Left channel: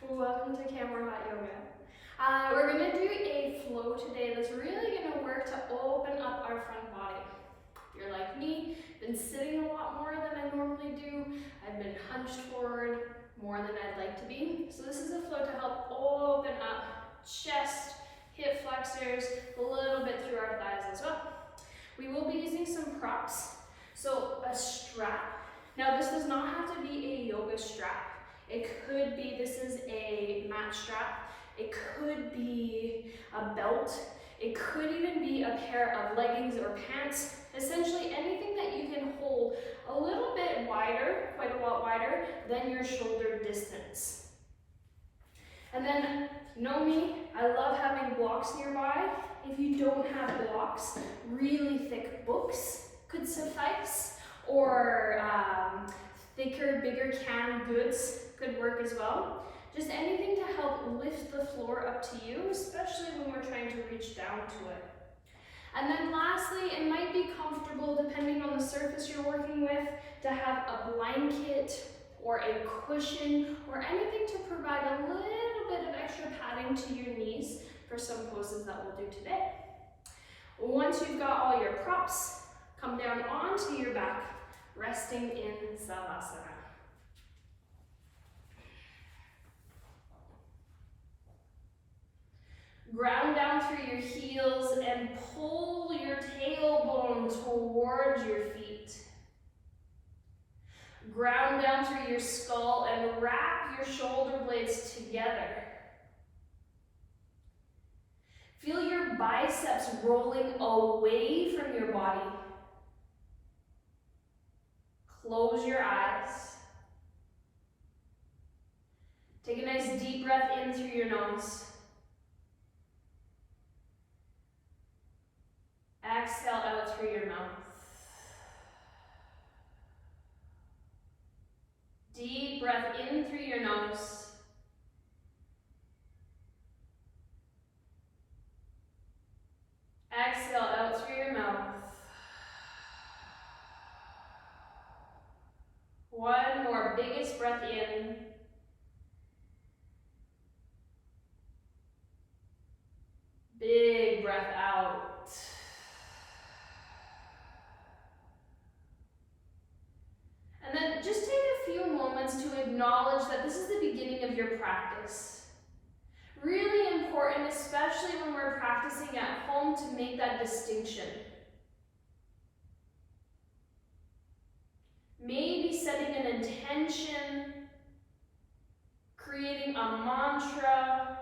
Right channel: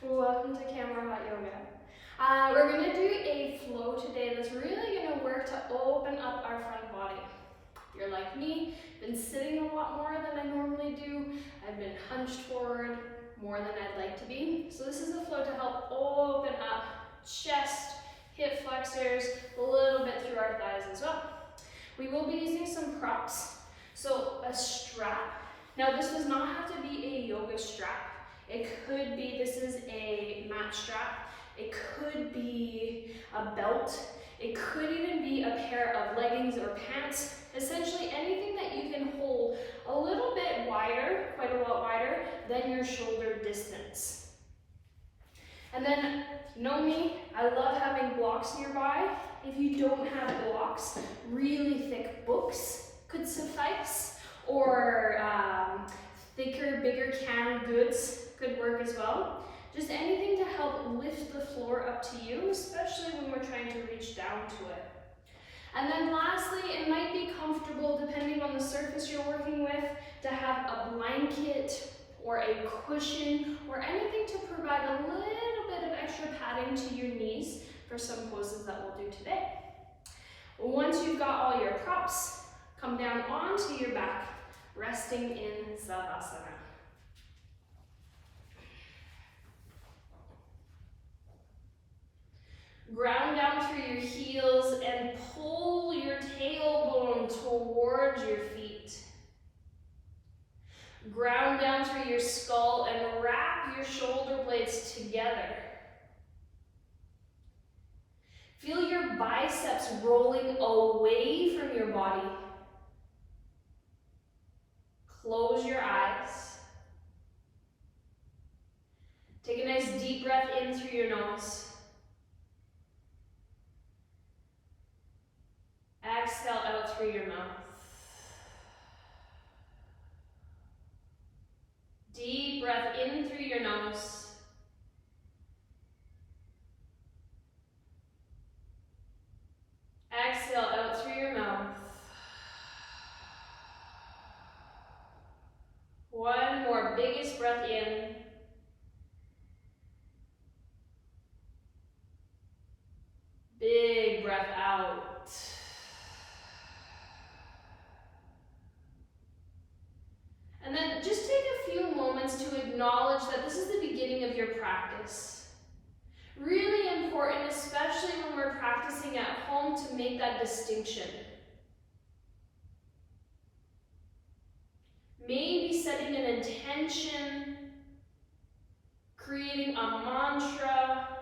Welcome to Camera Hot Yoga. We're going to do a flow today that's really going to work to open up our front body. If you're like me, been sitting a lot more than I normally do. I've been hunched forward more than I'd like to be. So this is a flow to help open up chest, hip flexors, a little bit through our thighs as well. We will be using some props. So a strap. Now this does not have to be a yoga strap. It could be, this is a mat strap. It could be a belt. It could even be a pair of leggings or pants. Essentially anything that you can hold a little bit wider, quite a lot wider, than your shoulder distance. And then, you know me, I love having blocks nearby. If you don't have blocks, really thick books could suffice, or thicker, bigger canned goods could work as well. Just anything to help lift the floor up to you, especially when we're trying to reach down to it. And then lastly, it might be comfortable, depending on the surface you're working with, to have a blanket or a cushion or anything to provide a little bit of extra padding to your knees for some poses that we'll do today. Once you've got all your props, come down onto your back, resting in Savasana. Ground down through your heels and pull your tailbone towards your feet. Ground down through your skull and wrap your shoulder blades together. Feel your biceps rolling away from your body. Close your eyes. Take a nice deep breath in through your nose. Exhale out through your mouth. Deep breath in through your nose. Exhale out through your mouth. One more, biggest breath in. Big breath out. And then just take a few moments to acknowledge that this is the beginning of your practice. Really important, especially when we're practicing at home, to make that distinction. Maybe setting an intention, creating a mantra,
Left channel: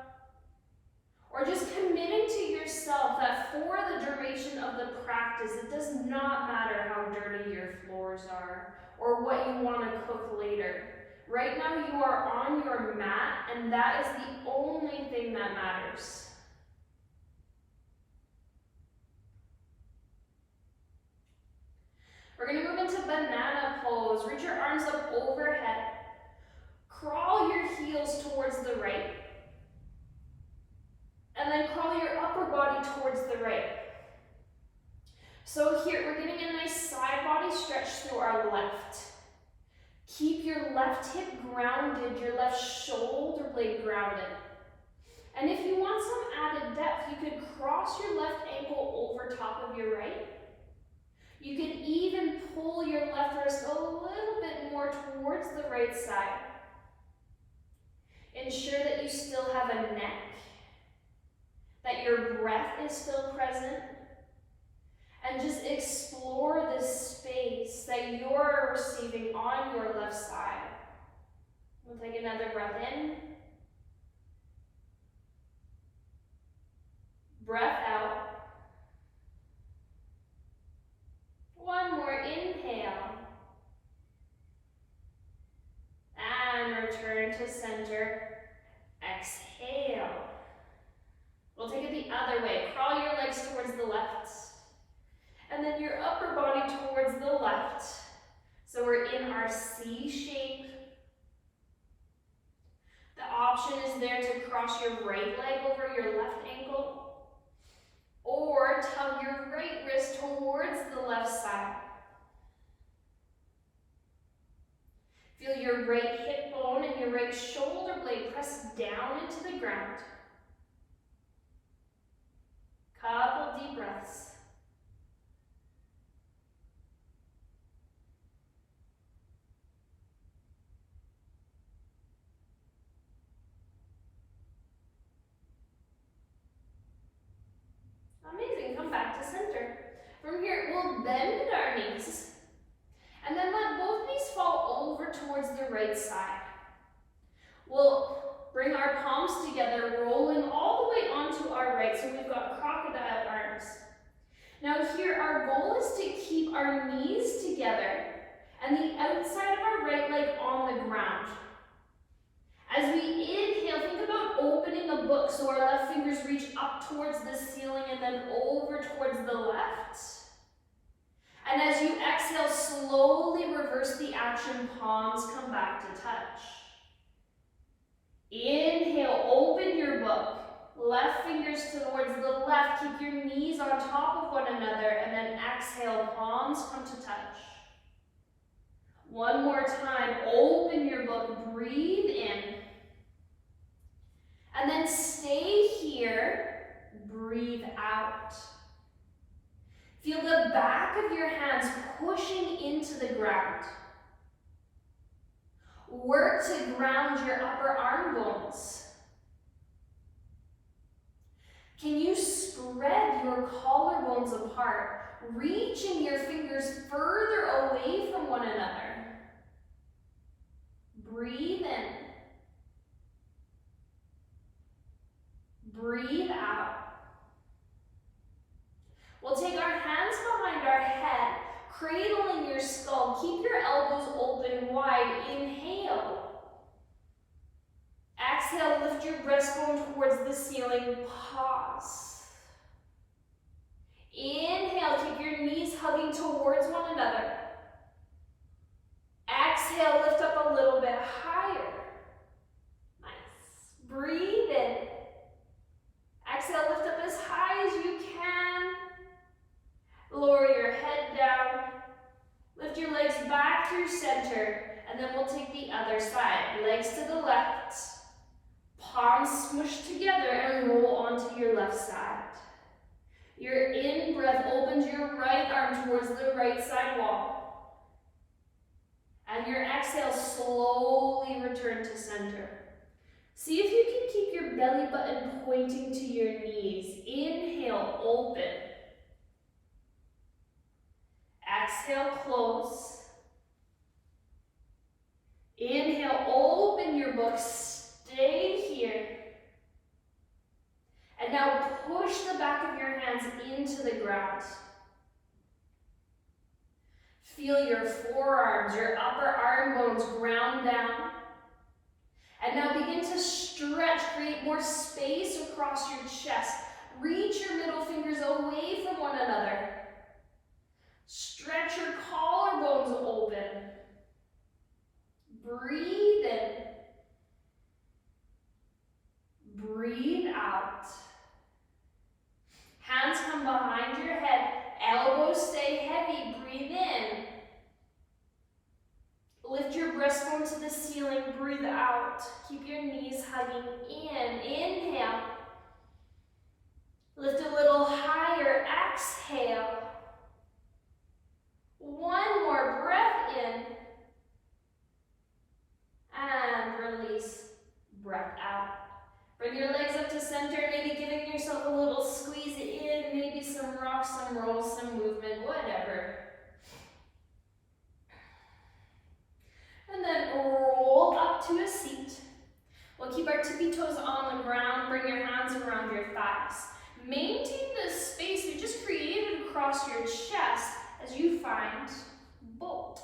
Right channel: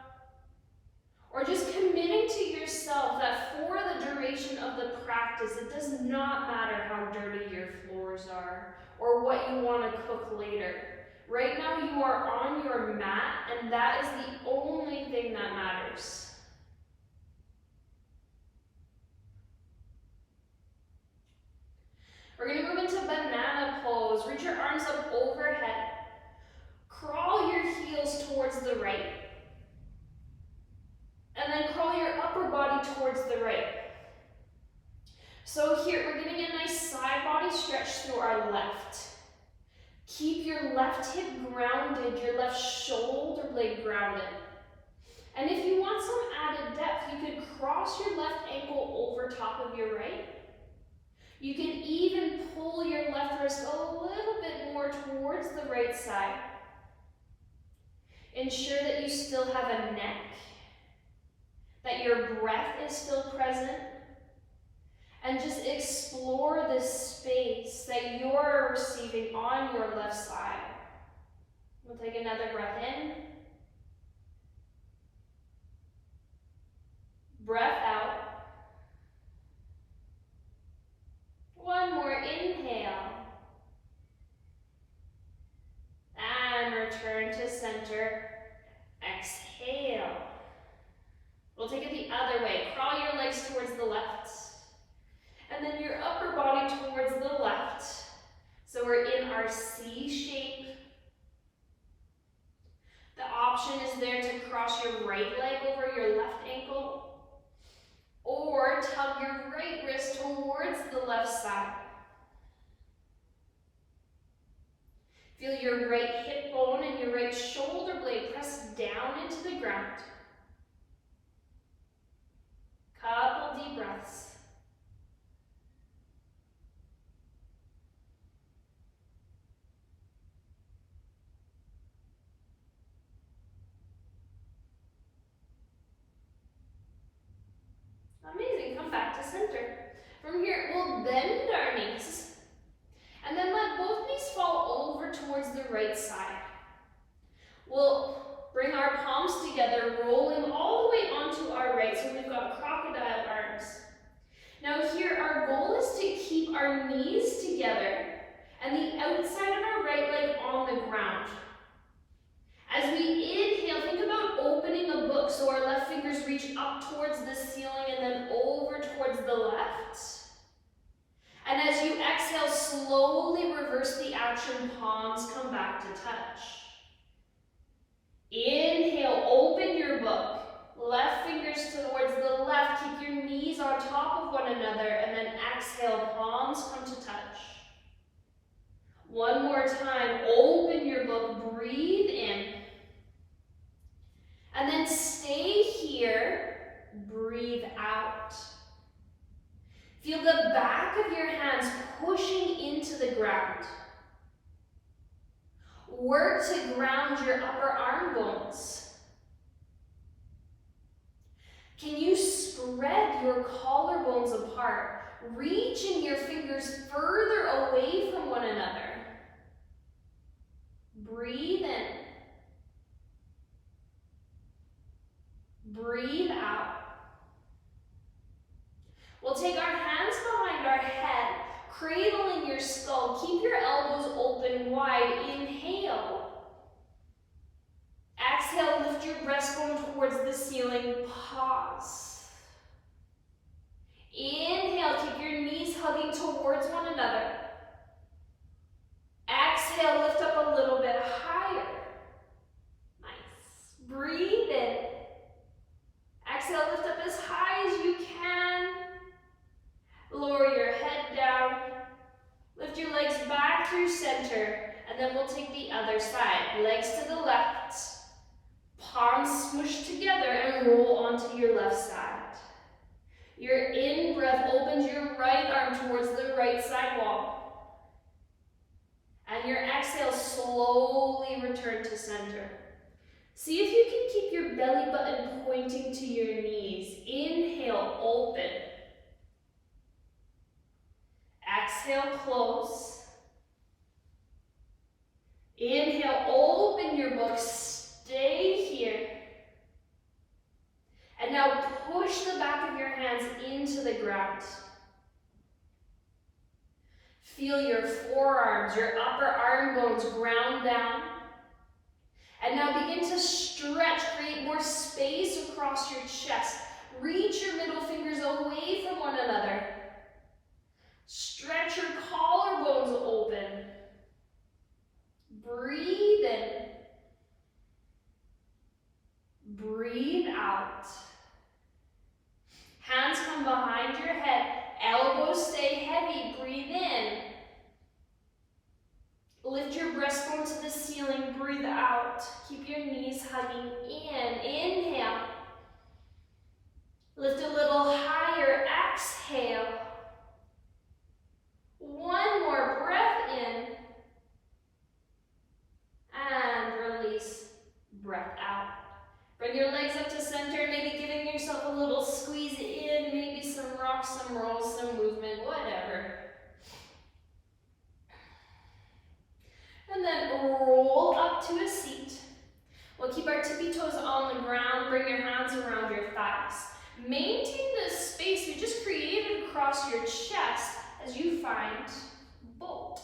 or just committing to yourself that for the duration of the practice, it does not matter how dirty your floors are or what you want to cook later. Right now you are on your mat, and that is the only thing that matters. We're going to move into banana pose. Reach your arms up overhead. Crawl your heels towards the right. And then crawl your upper body towards the right. So here, we're getting a nice side body stretch through our left. Keep your left hip grounded, your left shoulder blade grounded. And if you want some added depth, you could cross your left ankle over top of your right. You can even pull your left wrist a little bit more towards the right side. Ensure that you still have a neck, that your breath is still present, and just explore this space that you're receiving on your left side. We'll take another breath in. Breath out. One more inhale. And return to center. Exhale. We'll take it the other way. Crawl your legs towards the left. And then your upper body towards the left. So we're in our C shape. The option is there to cross your right leg over your left ankle, or tug your right wrist towards the left side. Feel your right hip bone and your right shoulder blade pressed down into the ground. Couple deep breaths. Amazing, come back to center. From here, we'll bend our knees, and then let both knees fall over towards the right side. We'll bring our palms together, rolling all the way onto our right, so we've got crocodile arms. Now here, our goal is to keep our knees together, and the outside of our right leg on the ground. As we inhale, think about opening a book so our left fingers reach up towards the ceiling and then over towards the left. And as you exhale, slowly reverse the action, palms come back to touch. Inhale, open your book. Left fingers towards the left, keep your knees on top of one another, and then exhale, palms come to touch. One more time, open your book, breathe in. And then stay here, breathe out. Feel the back of your hands pushing into the ground. Work to ground your upper arm bones. Can you spread your collarbones apart, reaching your fingers further away from one another? Breathe in. Breathe out. We'll take our hands behind our head, cradling your skull. Keep your elbows open wide. Inhale. Exhale, lift your breastbone towards the ceiling. Pause. Inhale, keep your knees hugging towards one another. Exhale, lift up a little bit higher. Nice. Breathe in. Exhale, lift up as high as you can. Lower your head down. Lift your legs back through center, and then we'll take the other side. Legs to the left. Palms smush together and roll onto your left side. Your in-breath opens your right arm towards the right side wall. And your exhale, slowly return to center. See if you can keep your belly button pointing to your knees. Inhale, open. Exhale, close. Inhale, open your book. Stay here. And now push the back of your hands into the ground. Feel your forearms, your upper arm bones ground down. And now begin to stretch, create more space across your chest. Reach your middle fingers away from one another. Stretch your collarbones open. Breathe in. Breathe out. Hands come behind your head. Elbows stay heavy. Breathe in. Lift your breastbone to the ceiling. Breathe out. Keep your knees hugging in. Inhale. Lift a little higher. Exhale. One more breath in. And release. Breath out. Bring your legs up to center, maybe giving yourself a little squeeze in, maybe some rocks, some rolls, some movement, whatever. And then roll up to a seat. We'll keep our tippy toes on the ground, bring your hands around your thighs. Maintain the space we just created across your chest as you find boat.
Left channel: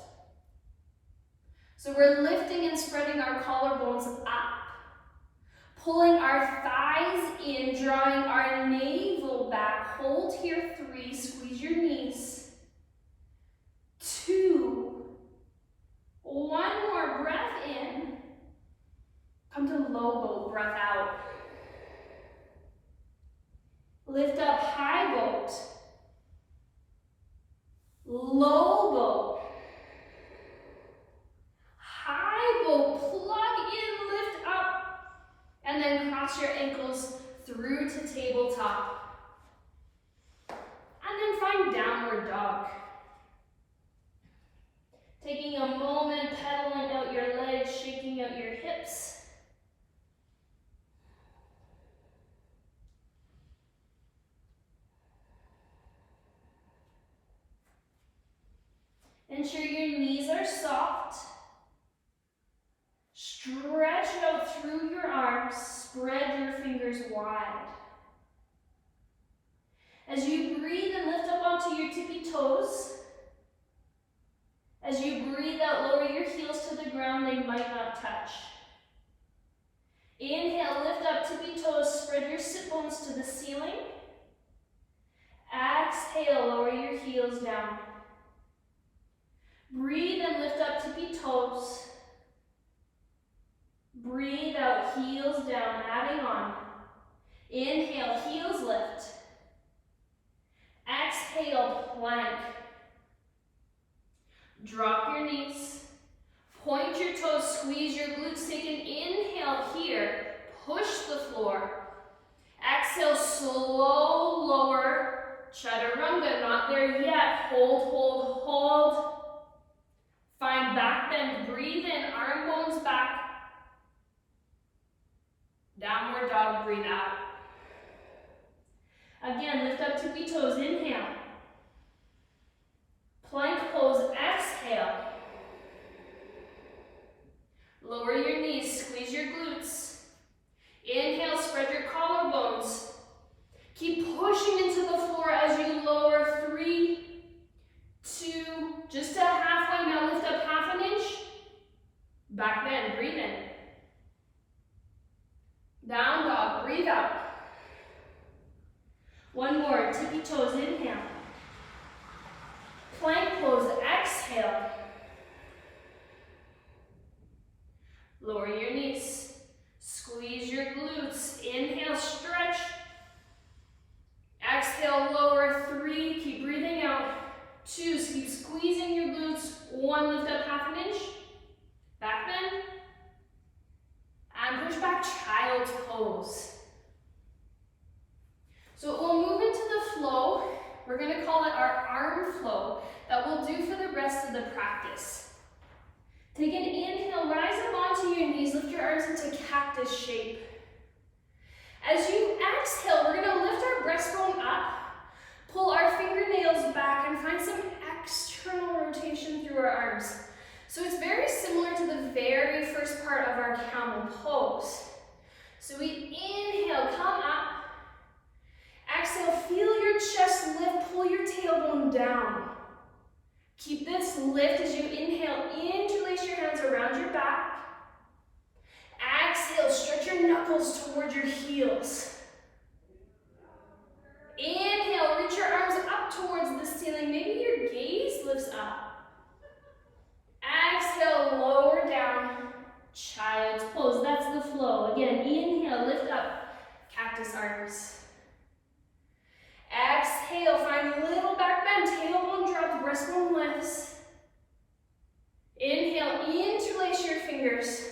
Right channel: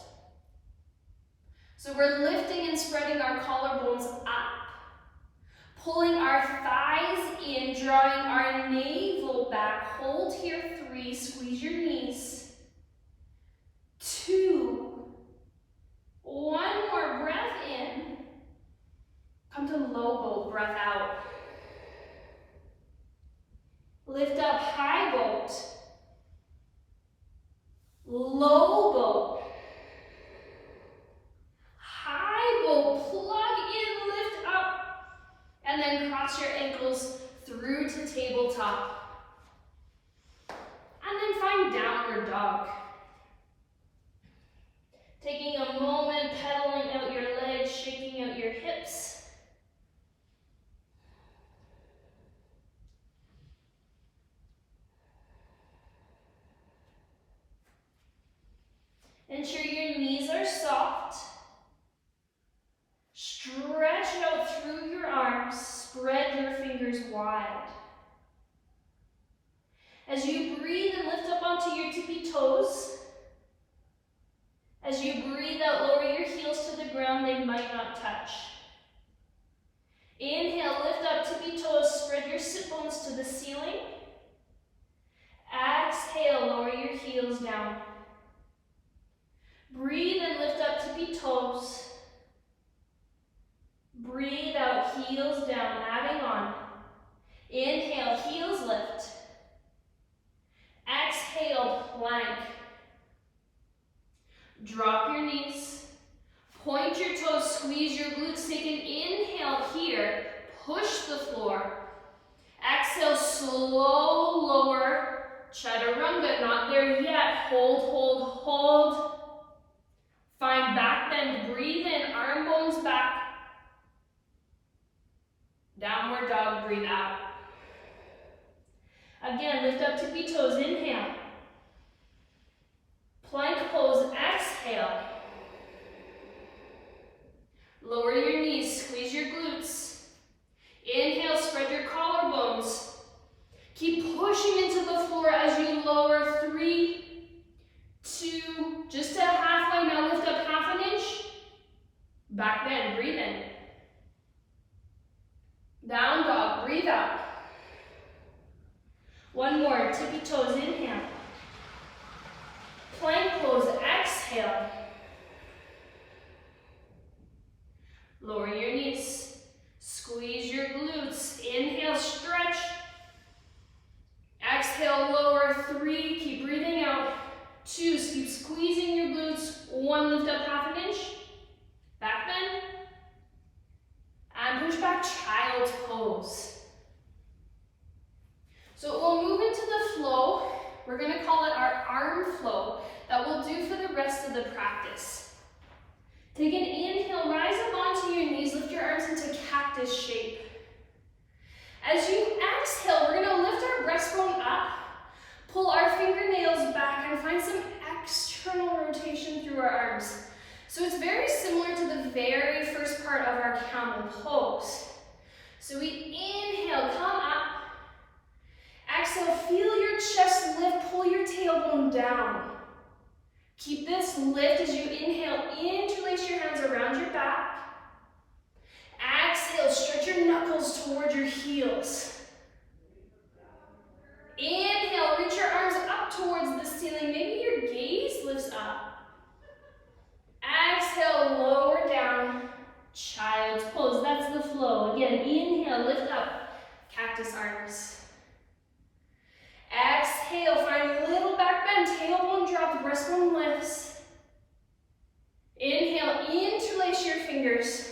So we're lifting and spreading our collarbones up. Pulling our thighs in, drawing our navel back. Hold here, 3, squeeze your knees. 2, 1 more breath in. Come to low boat, breath out. Lift up, high boat. Low boat. High boat, plug in, tabletop. And then find downward dog. Taking a moment, pedaling out your legs, shaking out your hips. Ensure your knees are soft. Stretch out through your arms. Spread your fingers wide. As you breathe and lift up onto your tippy toes, as you breathe out, lower your heels to the ground, they might not touch. Inhale, lift up tippy toes, spread your sit bones to the ceiling. Exhale, lower your heels down. Breathe and lift up tippy toes. Breathe out, heels down, adding on. Inhale, heels lift. Exhale, plank. Drop your knees. Point your toes, squeeze your glutes. Take an inhale here. Push the floor. Exhale, slow lower. Chaturanga, not there yet. Hold, hold, hold. Find back bend. Breathe in, arm bones back. Downward dog, breathe out. Again, lift up tippy toes, inhale. Plank pose, exhale. Lower your knees, squeeze your glutes. Inhale, spread your collarbones. Keep pushing into the floor as you lower. 3, 2, just to halfway. Now lift up half an inch. Back bend, breathe in. Down dog, breathe out. One more, tippy toes, inhale. Plank pose, exhale. Lower your knees. Squeeze your glutes. Inhale, stretch. Exhale, lower. 3, keep breathing out. 2, keep squeezing your glutes. 1, lift up half an inch. Back bend. And push back, child's pose. So we'll move into the flow. We're going to call it our arm flow that we'll do for the rest of the practice. Take an inhale, rise up onto your knees, lift your arms into cactus shape. As you exhale, we're going to lift our breastbone up, pull our fingernails back, and find some external rotation through our arms. So it's very similar to the very first part of our camel pose. So we inhale, come up. Exhale, feel your chest lift, pull your tailbone down. Keep this lift as you inhale, interlace your hands around your back. Exhale, stretch your knuckles towards your heels. Inhale, reach your arms up towards the ceiling. Maybe your gaze lifts up. Exhale, lower down, child's pose. That's the flow. Again, inhale, lift up, cactus arms. Exhale, find little back bend, tailbone drop, breastbone lifts. Inhale, interlace your fingers.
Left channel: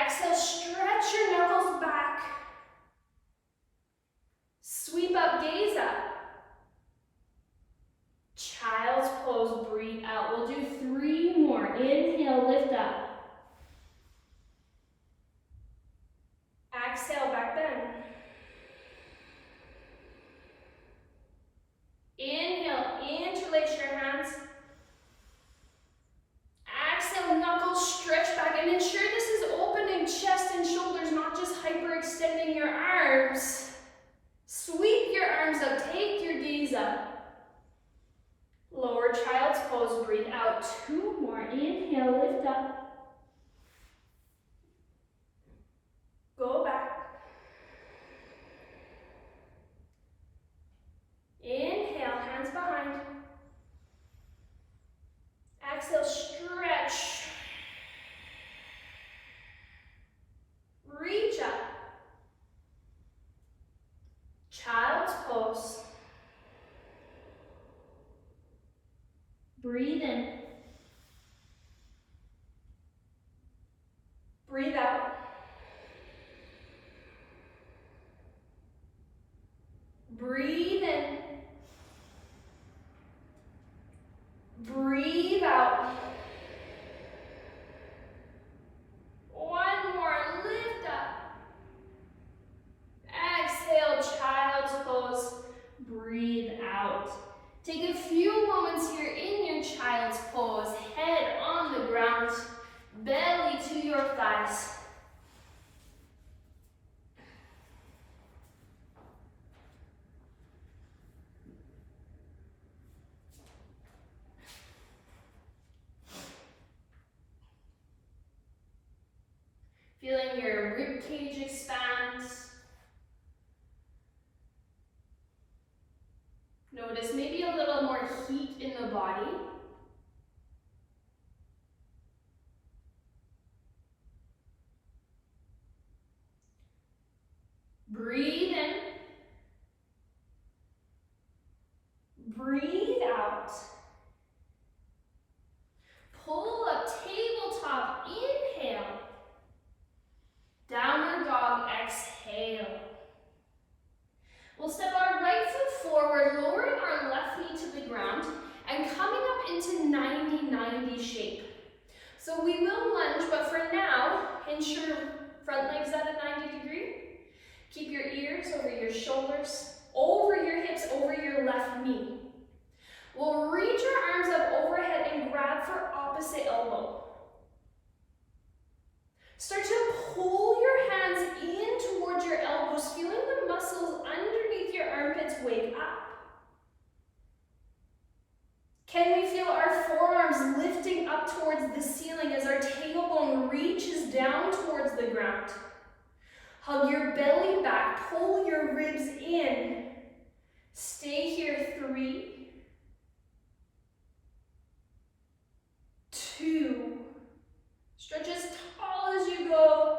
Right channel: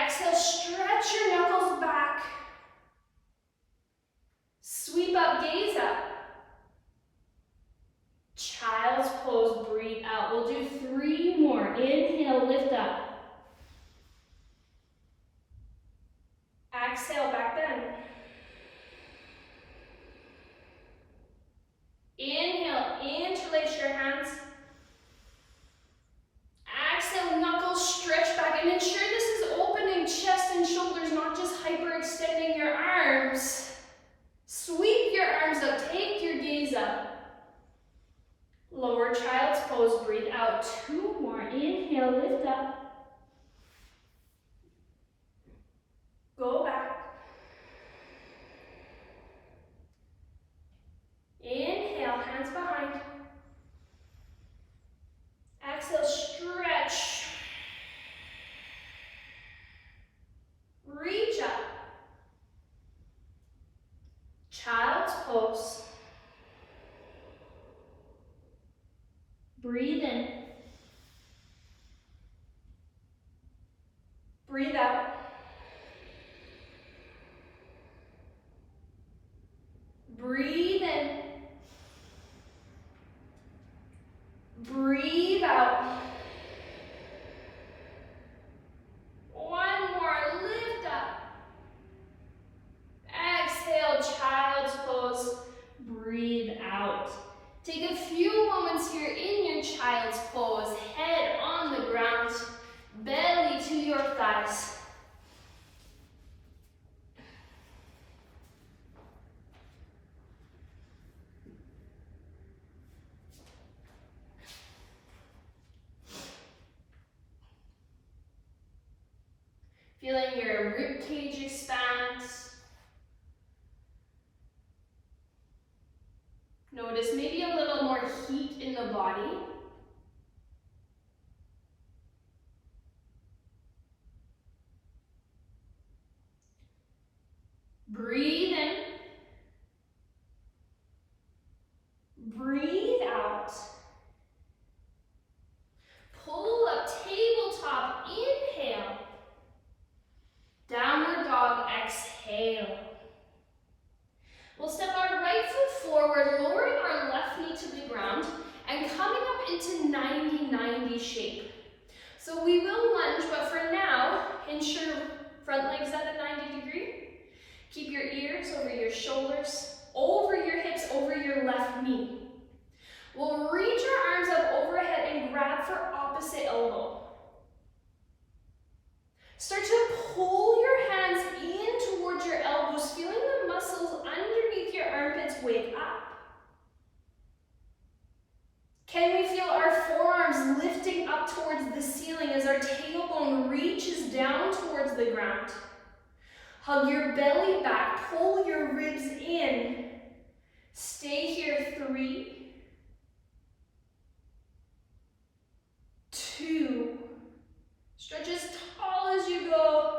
Exhale, stretch your knuckles back. Sweep up, gaze up. Child's pose, breathe out. We'll do 3 more. Inhale, lift up. Exhale, back bend. Inhale, interlace your hands. Exhale, knuckles stretch back, and ensure this is opening chest and shoulders, not just hyperextending your arms. Sweep your arms up, take your gaze up. Lower child's pose, breathe out. 2 more. Inhale, lift up. Go back. Inhale, hands behind. Exhale, stretch. Reach up. Child's pose. Breathe in. Breathe out. Breathe out. One more, lift up. Exhale, child's pose. Breathe out. Take a few moments here in your child's pose. Head on the ground, belly to your thighs. Feeling your rib cage expand. Notice maybe a little more heat in the body. Breathe in. Breathe out. Pull up, tabletop, inhale. Downward dog, exhale. We'll step our right foot forward, lowering our left knee to the ground, and coming up into 90-90 shape. So we will lunge, but for now, ensure front leg's at a 90 degree. Keep your ears over your shoulders, over your hips, over your left knee. We'll reach our arms up overhead and grab for opposite elbow. Start to pull your hands in towards your elbows, feeling the muscles underneath your armpits wake up. Can we feel our forearms lifting up towards the ceiling as our tailbone reaches down towards the ground? Hug your belly back, pull your ribs in. Stay here, 3, 2, stretch as tall as you go,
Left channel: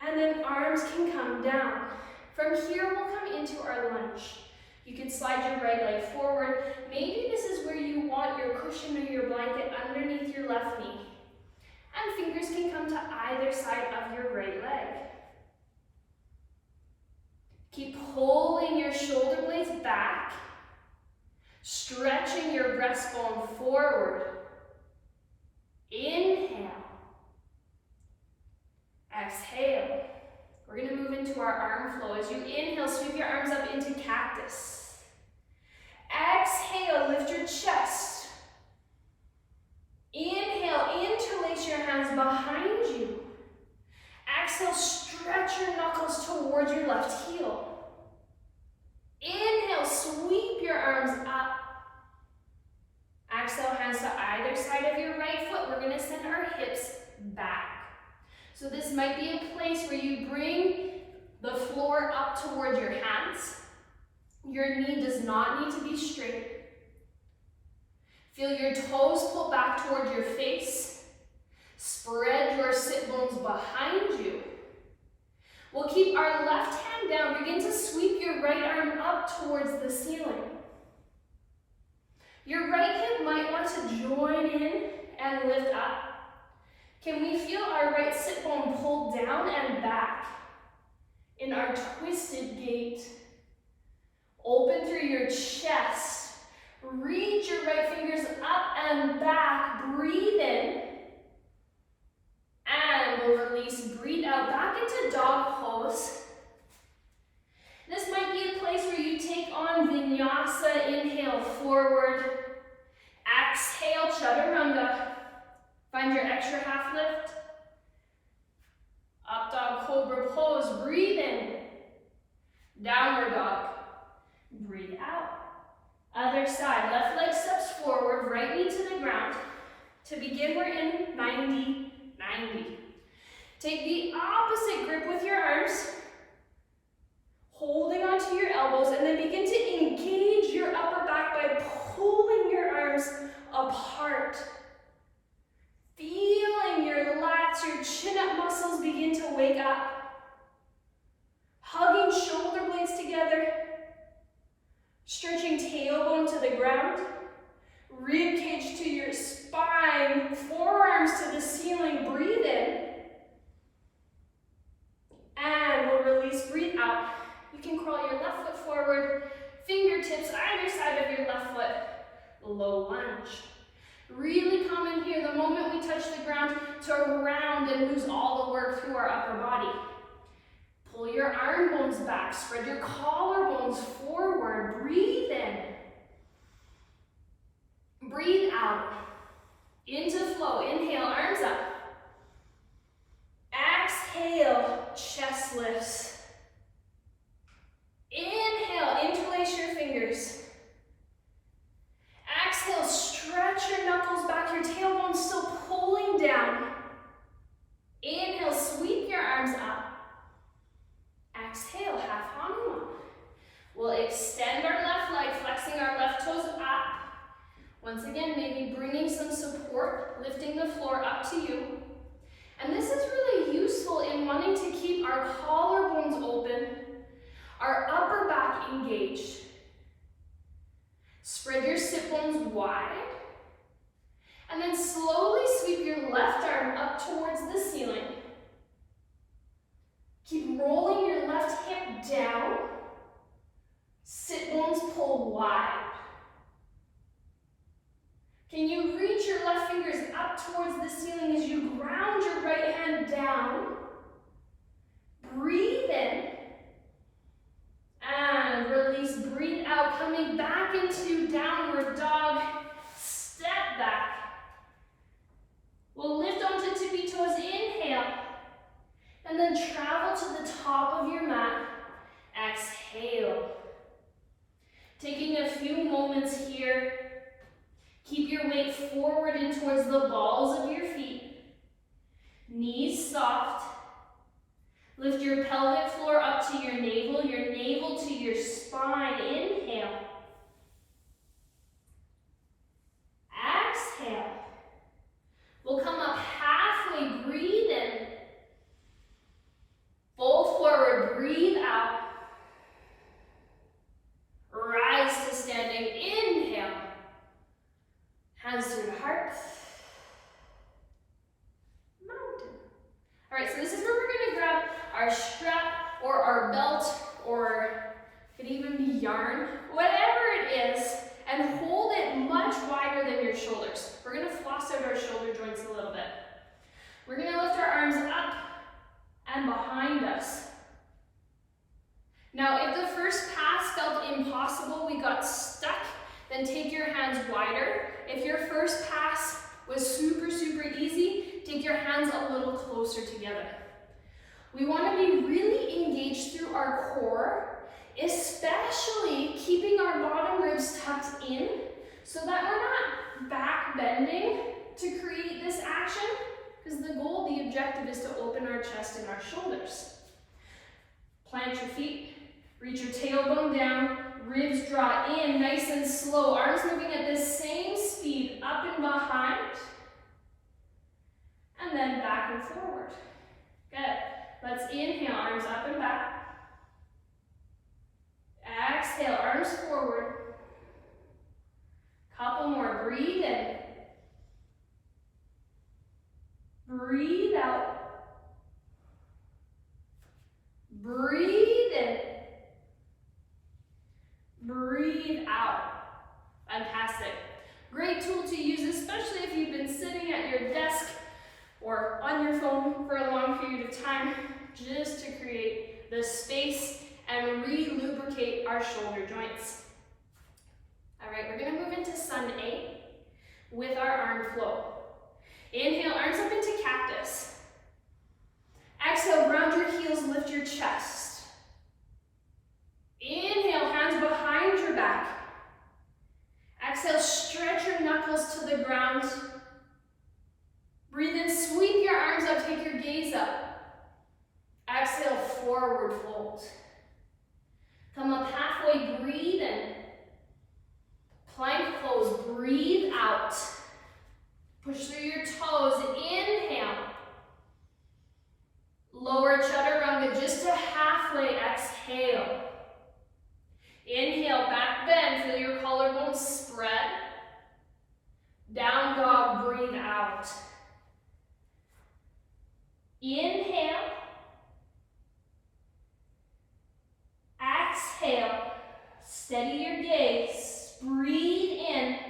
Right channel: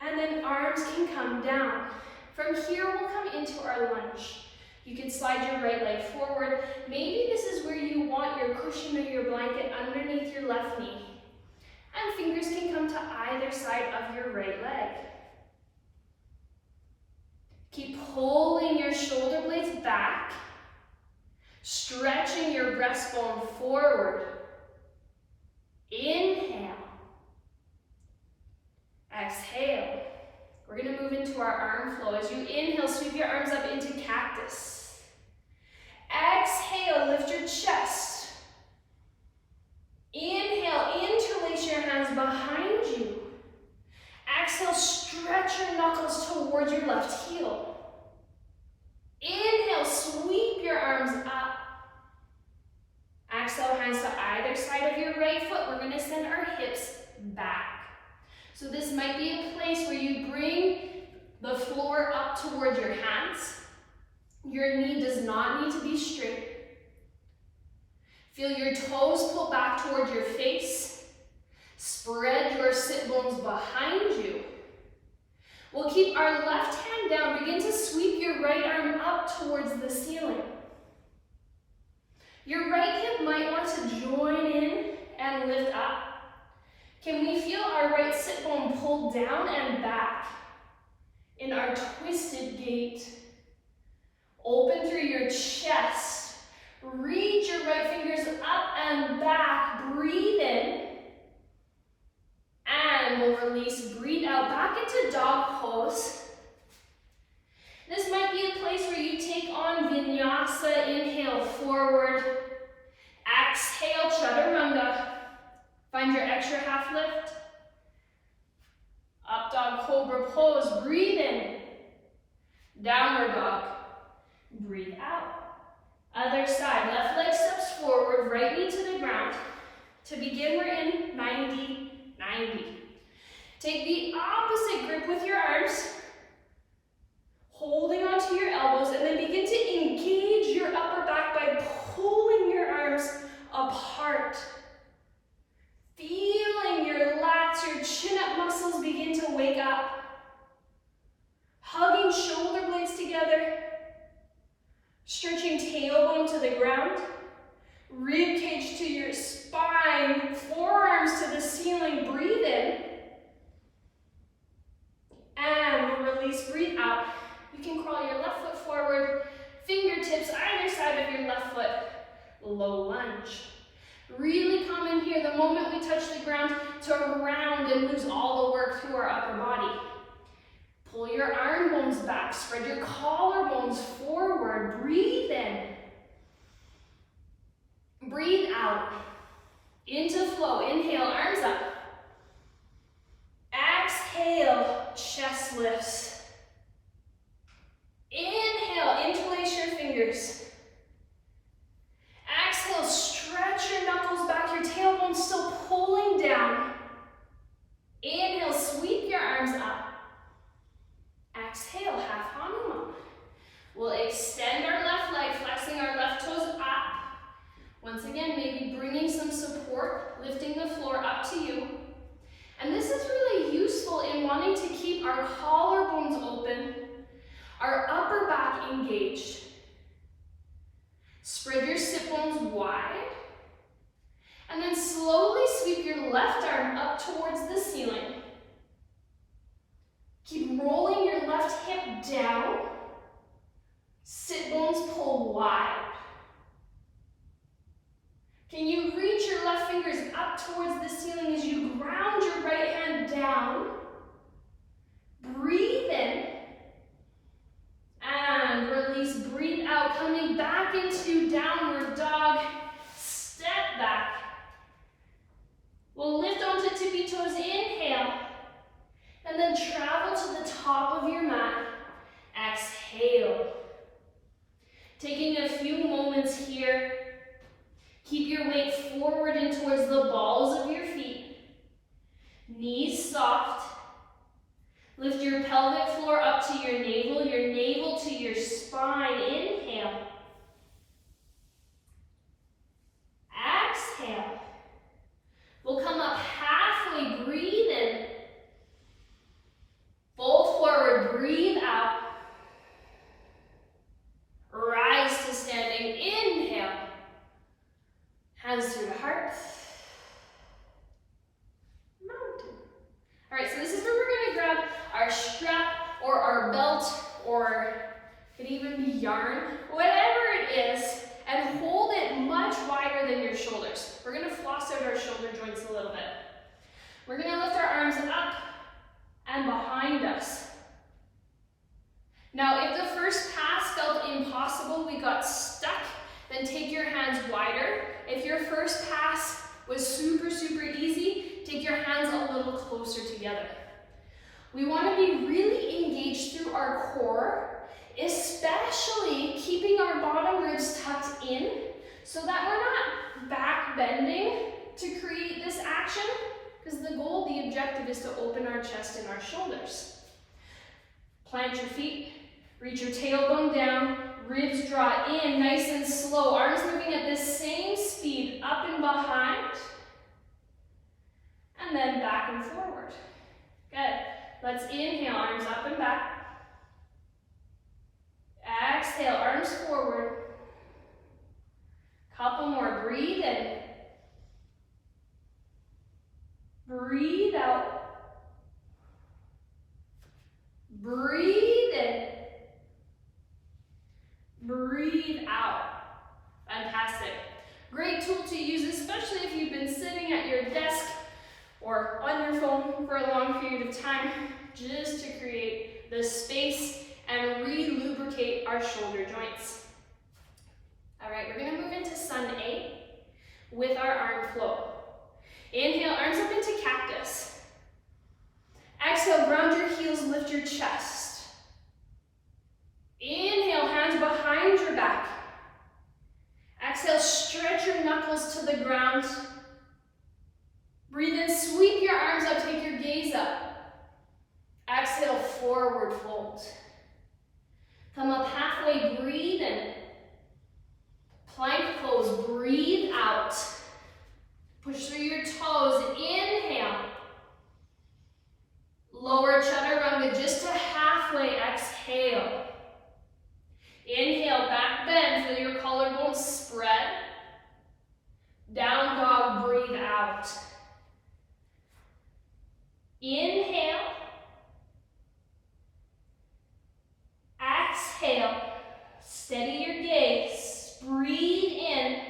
and then arms can come down. From here, we'll come into our lunge. You can slide your right leg forward. Maybe this is where you want your cushion or your blanket underneath your left knee. And fingers can come to either side of your right leg. Keep pulling your shoulder blades back, stretching your breastbone forward. Inhale. Exhale. We're going to move into our arm flow. As you inhale, sweep your arms up into cactus. Exhale, lift your chest. Inhale, interlace your hands behind you. Exhale, stretch your knuckles towards your left heel. Inhale, sweep your arms up. Exhale, hands to either side of your right foot. We're going to send our hips back. So this might be a place where you bring the floor up towards your hands. Your knee does not need to be straight. Feel your toes pull back towards your face. Spread your sit bones behind you. We'll keep our left hand down. Begin to sweep your right arm up towards the ceiling. Your right hip might want to join in and lift up. Can we feel our right sit bone pull down and back in our twisted gait? Open through your chest. Reach your right fingers up and back. Breathe in. And we'll release. Breathe out. Back into dog pose. This might be a place where you take on vinyasa. Inhale, forward. Exhale, chaturanga. Find your extra half lift. Up dog cobra pose. Breathe in. Downward dog. Breathe out. Other side. Left leg steps forward. Right knee to the ground. To begin, we're in 90-90. Take the opposite grip with your arms. Holding onto your elbows, and then begin to engage your upper back by pulling your arms apart. Feeling your lats, your chin-up muscles begin to wake up. Hugging shoulder blades together. Stretching tailbone to the ground. Rib cage to your spine. Forearms to the ceiling. Breathe in. And we'll release. Breathe out. You can crawl your left foot forward. Fingertips either side of your left foot. low lunge. Really common here, the moment we touch the ground, to round and lose all the work through our upper body. Pull your arm bones back, spread your collarbones forward, breathe in. Breathe out. Into flow, inhale, arms up. Exhale, chest lifts. Inhale, interlace your fingers. Exhale, stretch your knuckles back, your tailbone still pulling down. Inhale, sweep your arms up. Exhale, half Hanuman. We'll extend our left leg, flexing our left toes up. Once again, maybe bringing some support, lifting the floor up to you. And this is really useful in wanting to keep our collarbones open, our upper back engaged. Spread your sit bones wide. And then slowly sweep your left arm up towards the ceiling. Keep rolling your left hip down. Sit bones pull wide. Can you reach your left fingers up towards the ceiling as you ground your right hand down? Breathe in. And release, breathe out, coming back into downward dog. Step back. We'll lift onto tippy toes, inhale. And then travel to the top of your mat. Exhale. Taking a few moments here. Keep your weight forward and towards the balls of your feet. Knees soft. Lift your pelvic floor up to your navel to your spine. Inhale. Exhale. We'll come up halfway, breathe in. Fold forward, breathe out. Rise to standing, inhale. Hands through the heart. Mountain. All right, so this is where we're gonna grab our strap or our belt, or it could even be yarn, whatever it is, and hold it much wider than your shoulders. We're gonna floss out our shoulder joints a little bit. We're gonna lift our arms up and behind us. Now, if the first pass felt impossible, we got stuck, then take your hands wider. If your first pass was super, super easy, take your hands a little closer together. We want to be really engaged through our core, especially keeping our bottom ribs tucked in so that we're not back bending to create this action, because the goal, the objective is to open our chest and our shoulders. Plant your feet, reach your tailbone down, ribs draw in nice and slow, arms moving at the same speed, up and behind, and then back and forward. Good. Let's inhale, arms up and back. Exhale, arms forward. Couple more, breathe in. Breathe out. Breathe in. Breathe out. Fantastic. Great tool to use, especially if you've been sitting at your desk or on your phone for a long period of time, just to create the space and re-lubricate our shoulder joints. All right, we're gonna move into Sun A with our arm flow. Inhale, arms up into cactus. Exhale, ground your heels, lift your chest. Inhale, hands behind your back. Exhale, stretch your knuckles to the ground. Breathe in, sweep your arms up, take your gaze up. Exhale, forward fold. Come up halfway, breathe in. Plank pose, breathe out. Push through your toes, inhale. Lower chaturanga just to halfway, exhale. Inhale, back bend, feel your collarbones spread. Down dog, breathe out. Inhale. Exhale. Steady your gaze. Breathe in.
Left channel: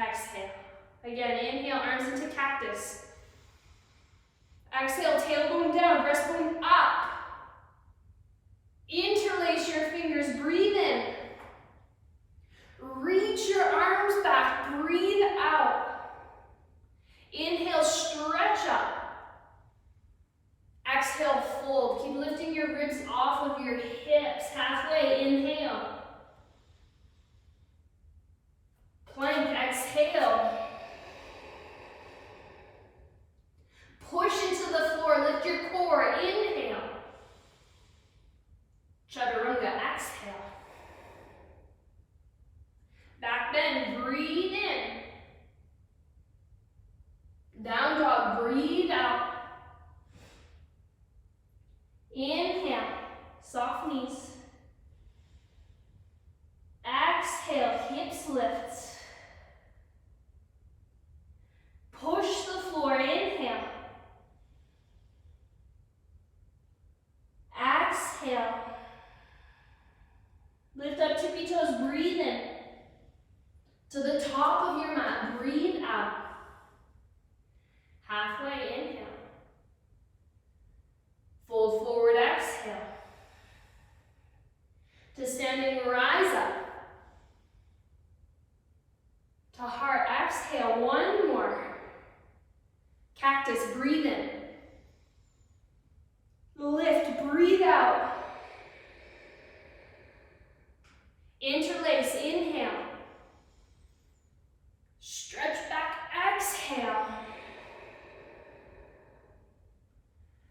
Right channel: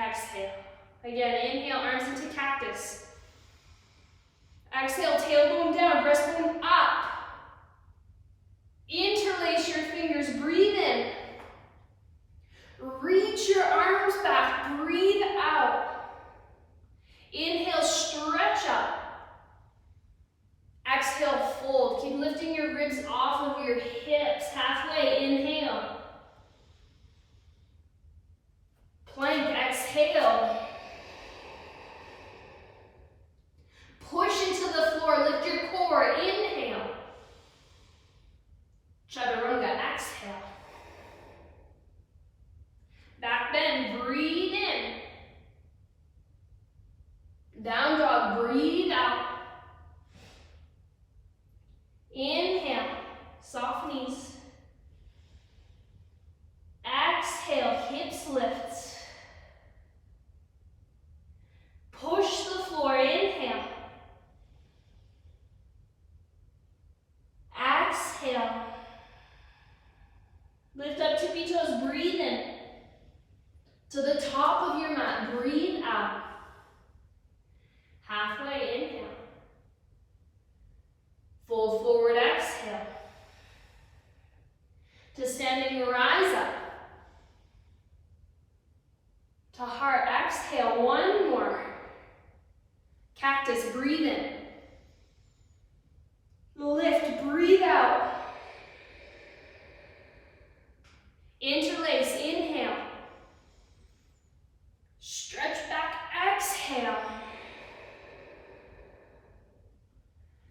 Exhale. Again, inhale, arms into cactus. Exhale, tailbone down, breastbone up. Interlace your fingers, breathe in. Reach your arms back, breathe out. Inhale, stretch up. Exhale, fold. Keep lifting your ribs off of your hips. Halfway, inhale. Plank, exhale. Push into the floor, lift your core, inhale. Chaturanga, exhale. Back bend, breathe in. Down dog, breathe out. Inhale, soft knees. Exhale, hips lift. Push the floor, inhale. Exhale. Lift up tippy toes, breathe in. To the top of your mat, breathe out. Halfway, inhale. Fold forward, exhale. To standing, rise up. To heart, exhale, one more. Cactus, breathe in. Lift, breathe out. Interlace, inhale. Stretch back, exhale.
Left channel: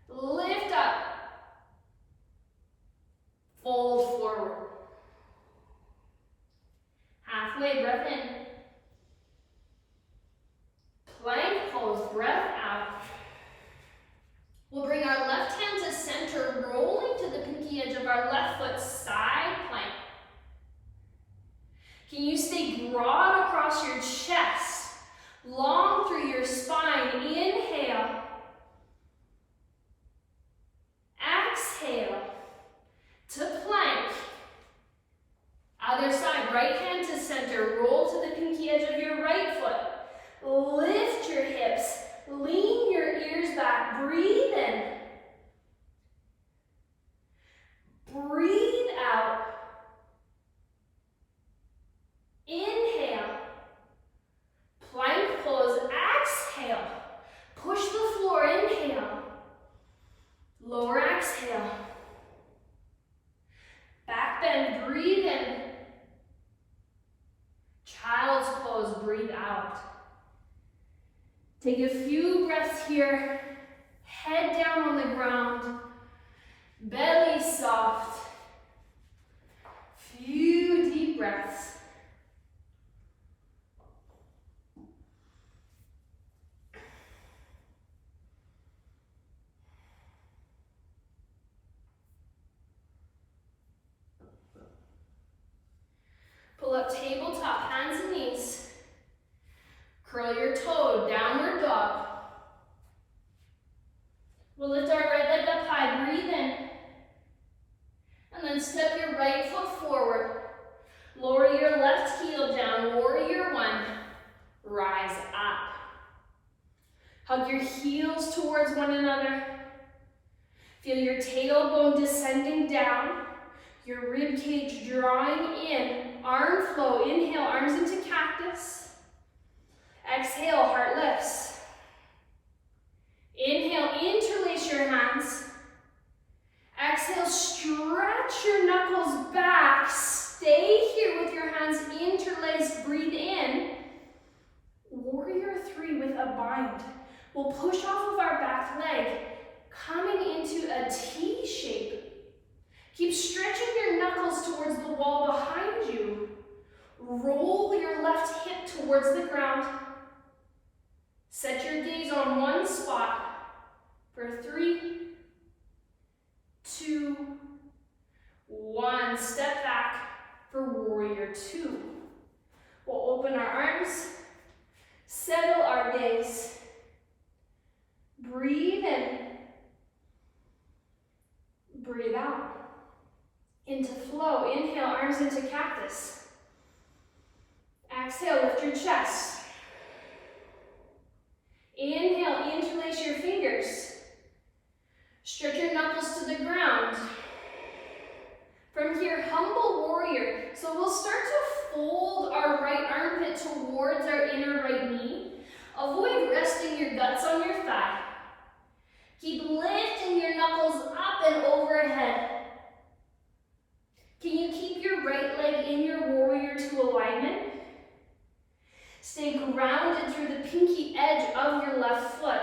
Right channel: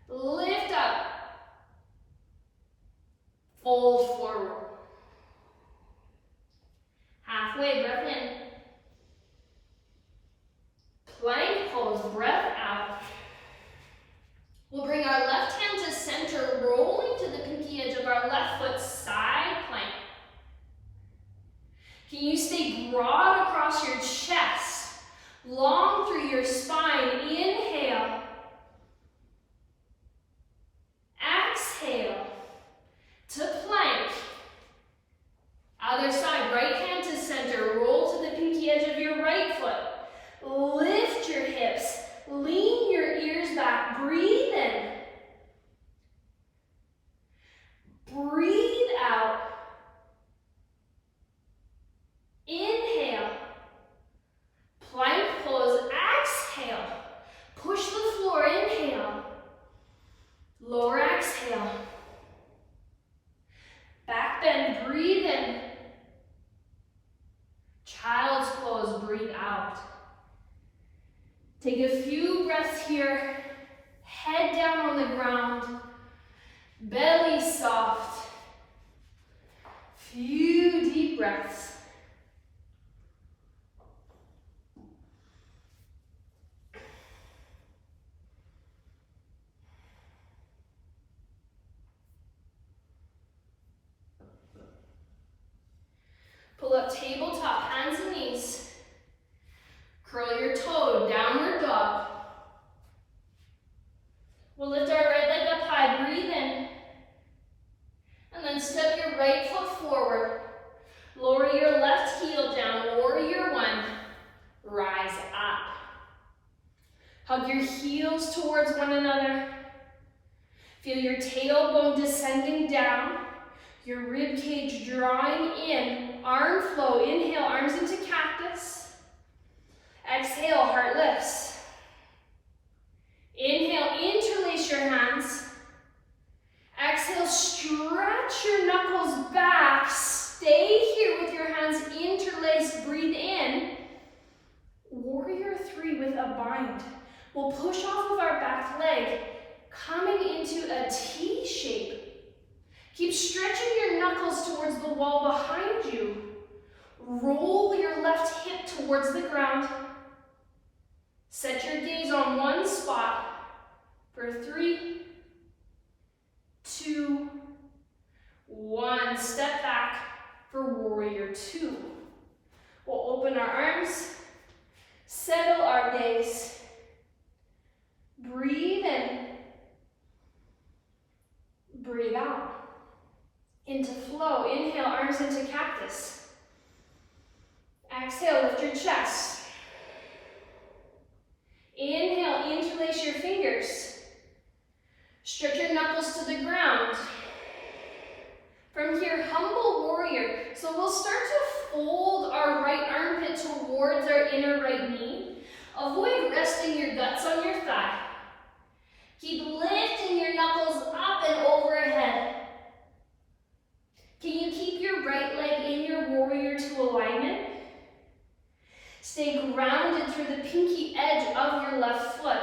Lift up. Fold forward. Halfway, breath in. Plank pose, breath out. We'll bring our left hand to center, rolling to the pinky edge of our left foot, side plank. Can you stay broad across your chest, long through your spine? Inhale. Exhale to plank. Other side, right hand to center, roll to the pinky edge of your right foot. Lift your hips, lean your ears back, breathe in. Breathe out. Inhale. Plank pose, exhale. Push the floor, inhale. Lower exhale. Back bend, breathe in. Child's pose, breathe out. Take a few breaths here. Head down on the ground. Belly soft. Few deep breaths. Pull up tabletop, hands and knees. Curl your toe, downward dog. We'll lift our right leg up high, breathe in. And then step your right foot forward. Lower your left heel down, warrior one. Rise up. Hug your heels towards one another. Feel your tailbone descending down. Your rib cage drawing in. Arm flow, inhale, arms into cactus. Exhale, heart lifts. Inhale, interlace your hands. Exhale, stretch your knuckles back. Stay here with your hands interlaced, breathe in. Warrior three with a bind. We'll push off of our back leg, coming into a T shape. Keep stretching your knuckles towards the wall behind you. Roll your left hip towards the ground. Set your gaze on one spot for 3, 2, 1. Step back for warrior two. We'll open our arms, settle our gaze. Breathe in, breathe out. Into flow, inhale, arms into cactus. Exhale, lift your chest. Inhale, interlace your fingers. Stretch your knuckles to the ground. From here, humble warrior. So we'll start to fold our right armpit towards our inner right knee. Avoid resting your guts on your thigh. Keep lifting your knuckles up and overhead. Can you keep your right leg in your warrior two alignment? Stay grounded through the pinky edge of your left foot.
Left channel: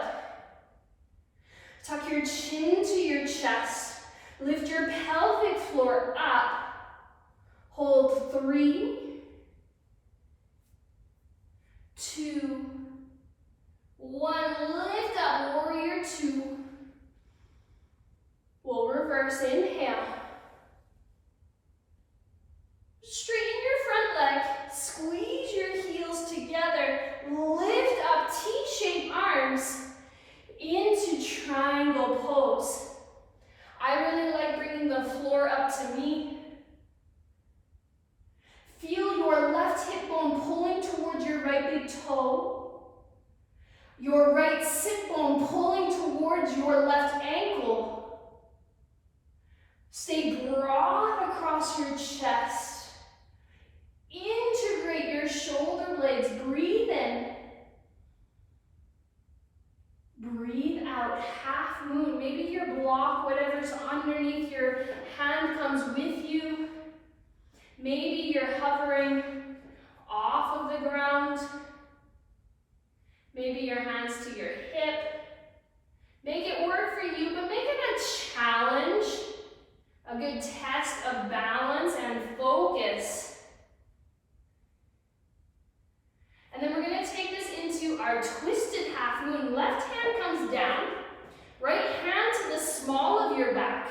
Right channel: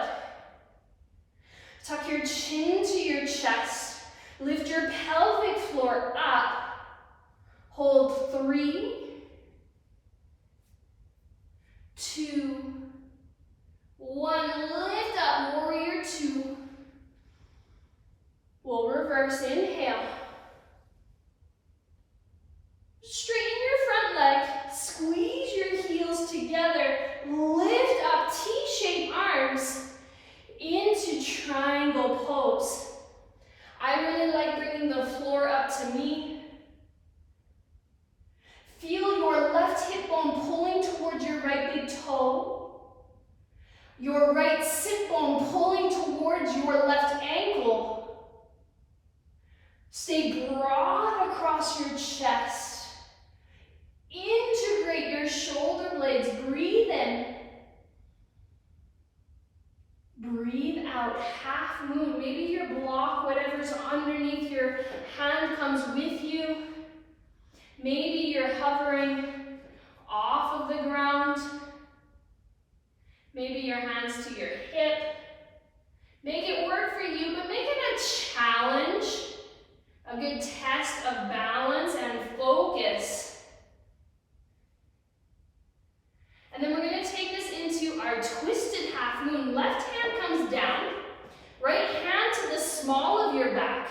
Tuck your chin to your chest. Lift your pelvic floor up. Hold 3, 2, 1. Lift up, warrior two. We'll reverse, inhale. Straighten your front leg, squeeze your heels together, lift up T-shaped arms into triangle pose. I really like bringing the floor up to me. Feel your left hip bone pulling towards your right big toe. Your right sit bone pulling towards your left ankle. Stay broad across your chest. Integrate your shoulder blades. Breathe in. Breathe out. Half moon. Maybe your block, whatever's underneath your hand, comes with you. Maybe you're hovering off of the ground. Maybe your hands to your hip. Make it work for you, but make it a challenge. A good test of balance and focus. And then we're going to take this into our twisted half moon. Left hand comes down. Right hand to the small of your back.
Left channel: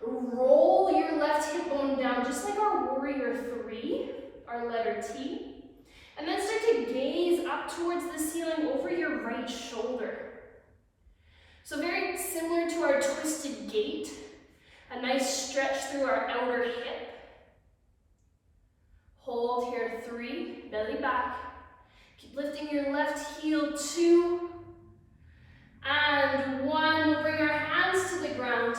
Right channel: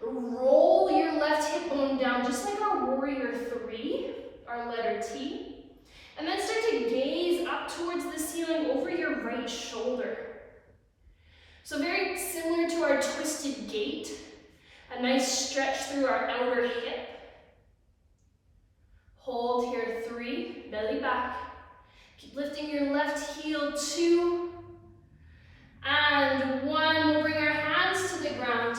Roll your left hip bone down, just like our warrior 3, our letter T. And then start to gaze up towards the ceiling over your right shoulder. So very similar to our twisted gait. A nice stretch through our outer hip. Hold here, 3, belly back. Keep lifting your left heel, 2, and 1. We'll bring our hands to the ground.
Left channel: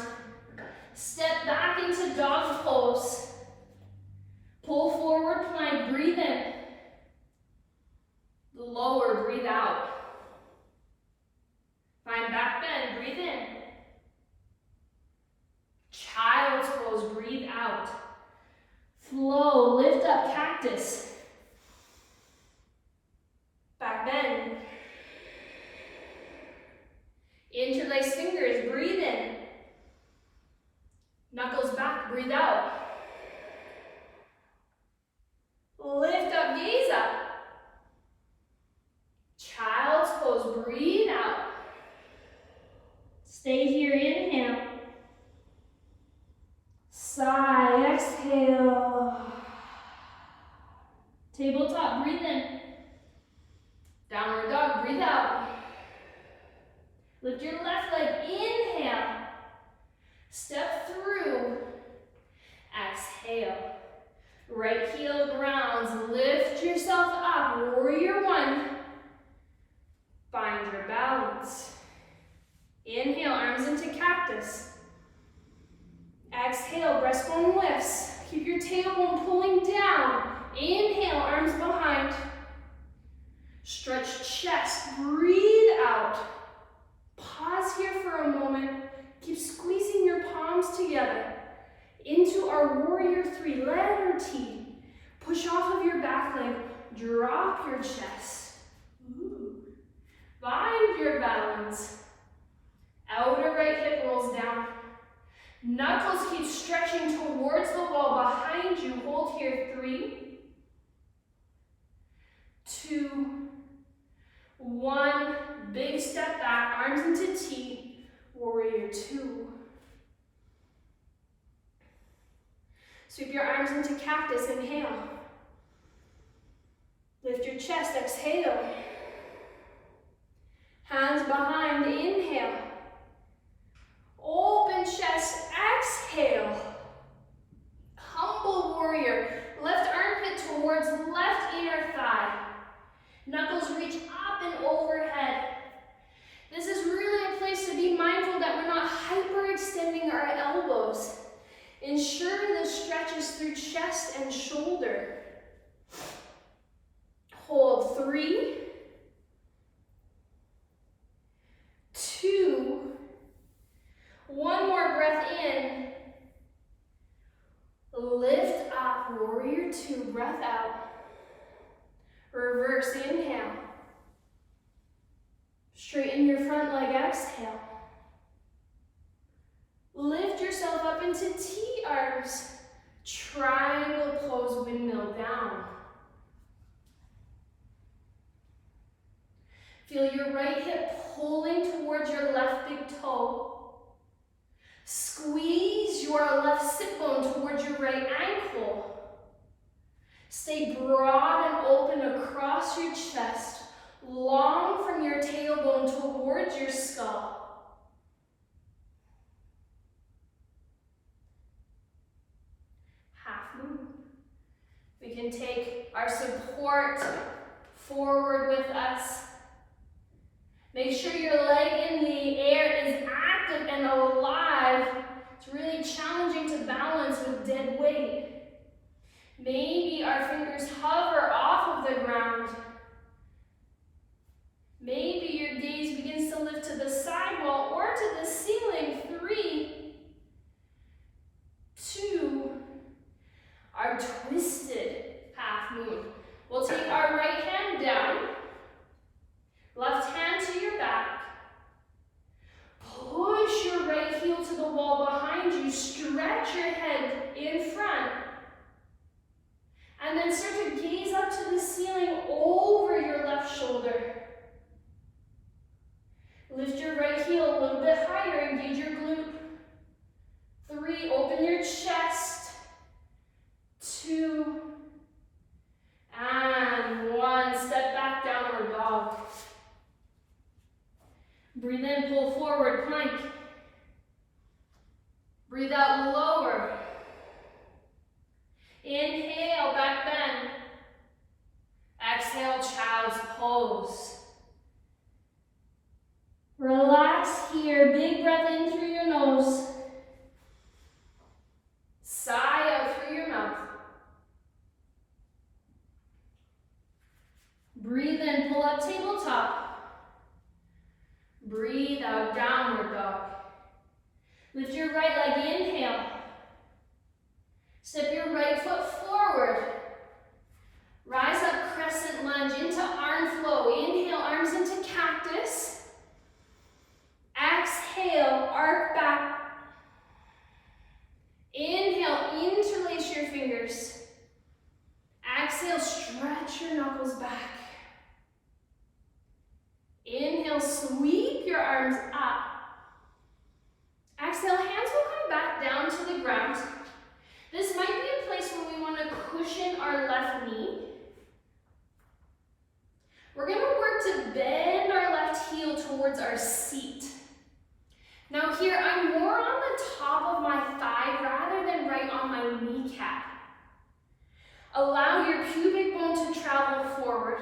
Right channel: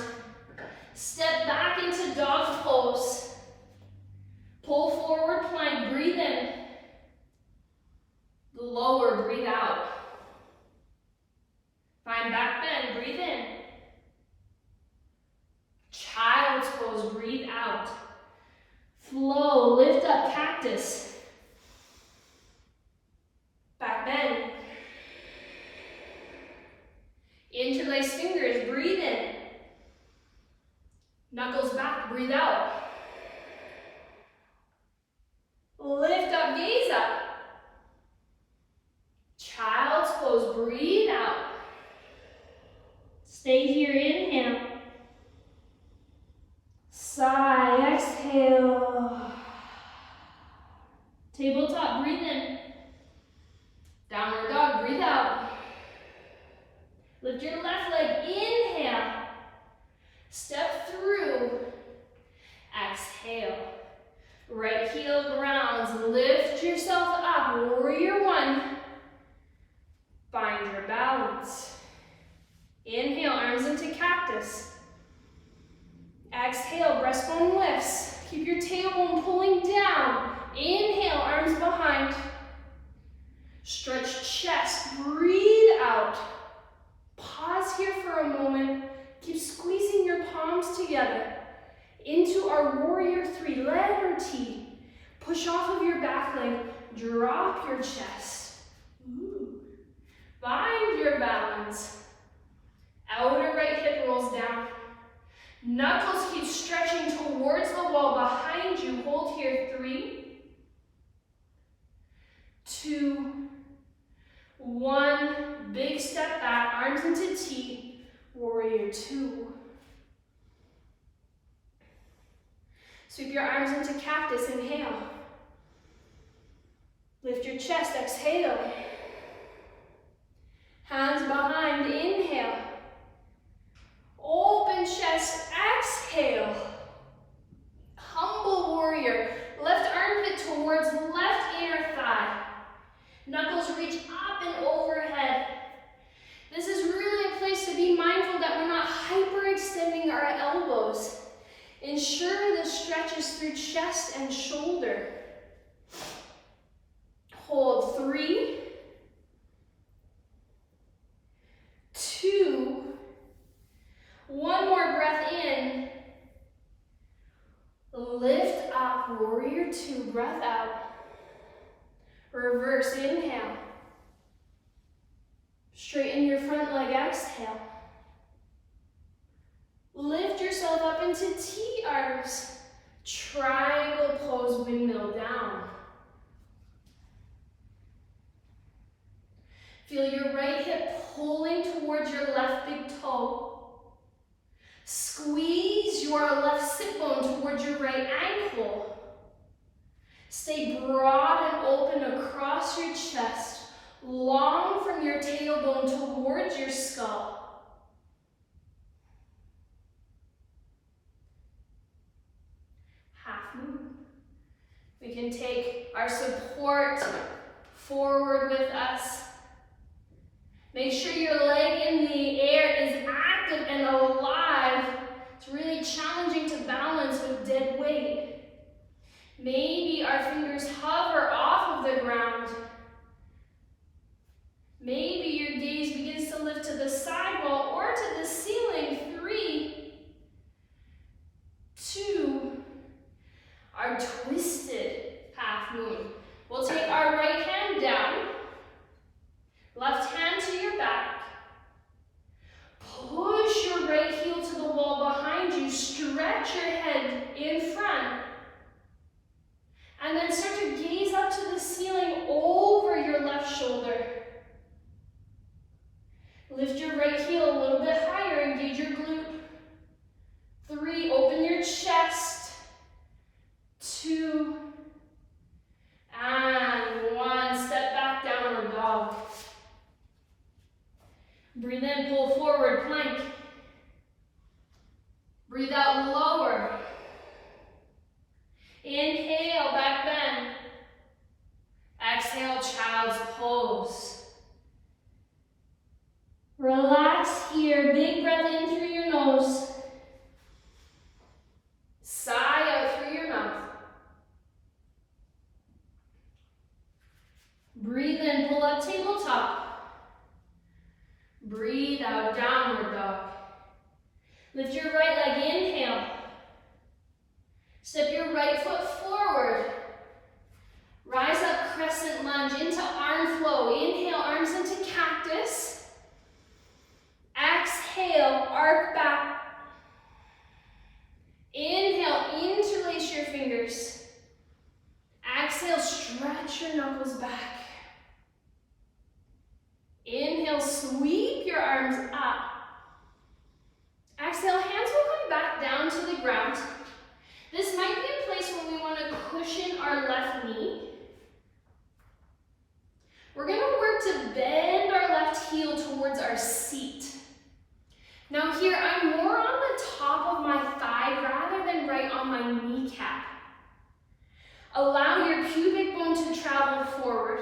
Step back into dog pose. Pull forward, plank, breathe in. Lower, breathe out. Find back bend, breathe in. Child's pose, breathe out. Flow, lift up, cactus. Back bend. Interlace fingers, breathe in. Knuckles back, breathe out. Lift up, gaze up. Child's pose, breathe out. Stay here, inhale. Sigh, exhale. Tabletop, breathe in. Downward dog, breathe out. Lift your left leg, inhale. Step through, exhale. Right heel grounds, lift yourself up, warrior 1. Find your balance. Inhale, arms into cactus. Exhale, breastbone lifts. Keep your tailbone pulling down. Inhale, arms behind. Stretch chest, breathe out. Pause here for a moment. Keep squeezing your palms together into our warrior 3, letter T. Push off of your back leg, drop your chest. Ooh. Find your balance. Outer right hip rolls down. Knuckles keep stretching towards the wall behind you. Hold here, 3, 2, 1. Big step back, arms into T, warrior 2. Sweep your arms into cactus, inhale. Lift your chest, exhale. Hands behind, inhale. Open chest, exhale. Humble warrior. Left armpit towards left inner thigh. Knuckles reach up and overhead. Ensure the stretches through chest and shoulder. Hold 3, 2, one more breath in. Lift up, warrior 2, breath out. Reverse, inhale. Straighten your front leg, exhale. Lift yourself up into T-arms. Triangle pose, windmill down. Feel your right hip pulling towards your left big toe. Squeeze your left sit bone towards your right ankle. Stay broad and open across your chest. Long from your tailbone towards your skull. Half moon. We can take our support forward with us. Make sure your leg in the air is active and alive. It's really challenging to balance with dead weight. Maybe our fingers hover off of the ground. Maybe your gaze begins to lift to the sidewall or to the ceiling. 3, 2, our twisted half moon. We'll take our right hand down, left hand to your back. Push your right heel to the wall behind you. Stretch your head in front. And then start to gaze up to the ceiling over your left shoulder. Lift your right heel a little bit higher, engage your glute. 3, open your chest. 2, and 1, step back, downward dog. Breathe in, pull forward, plank. Breathe out, lower. Inhale, back bend. Exhale, child's pose. Relax here, big breath in through your nose. Sigh out through your mouth. Breathe in, pull up, tabletop. Breathe out, downward dog. Lift your right leg, inhale. Step your right foot forward. Rise up, crescent lunge into arm flow. Inhale, arms into cactus. Exhale, arc back. Inhale, interlace your fingers. Exhale, stretch your knuckles back. Inhale, sweep your arms up. Exhale, hands will come back down to the ground. This might be a place where we want to cushion our left knee. We're going to work to bend our left heel towards our seat. Now here, I'm more on the top of my thigh rather than right on my kneecap. Allow your pubic bone to travel forward.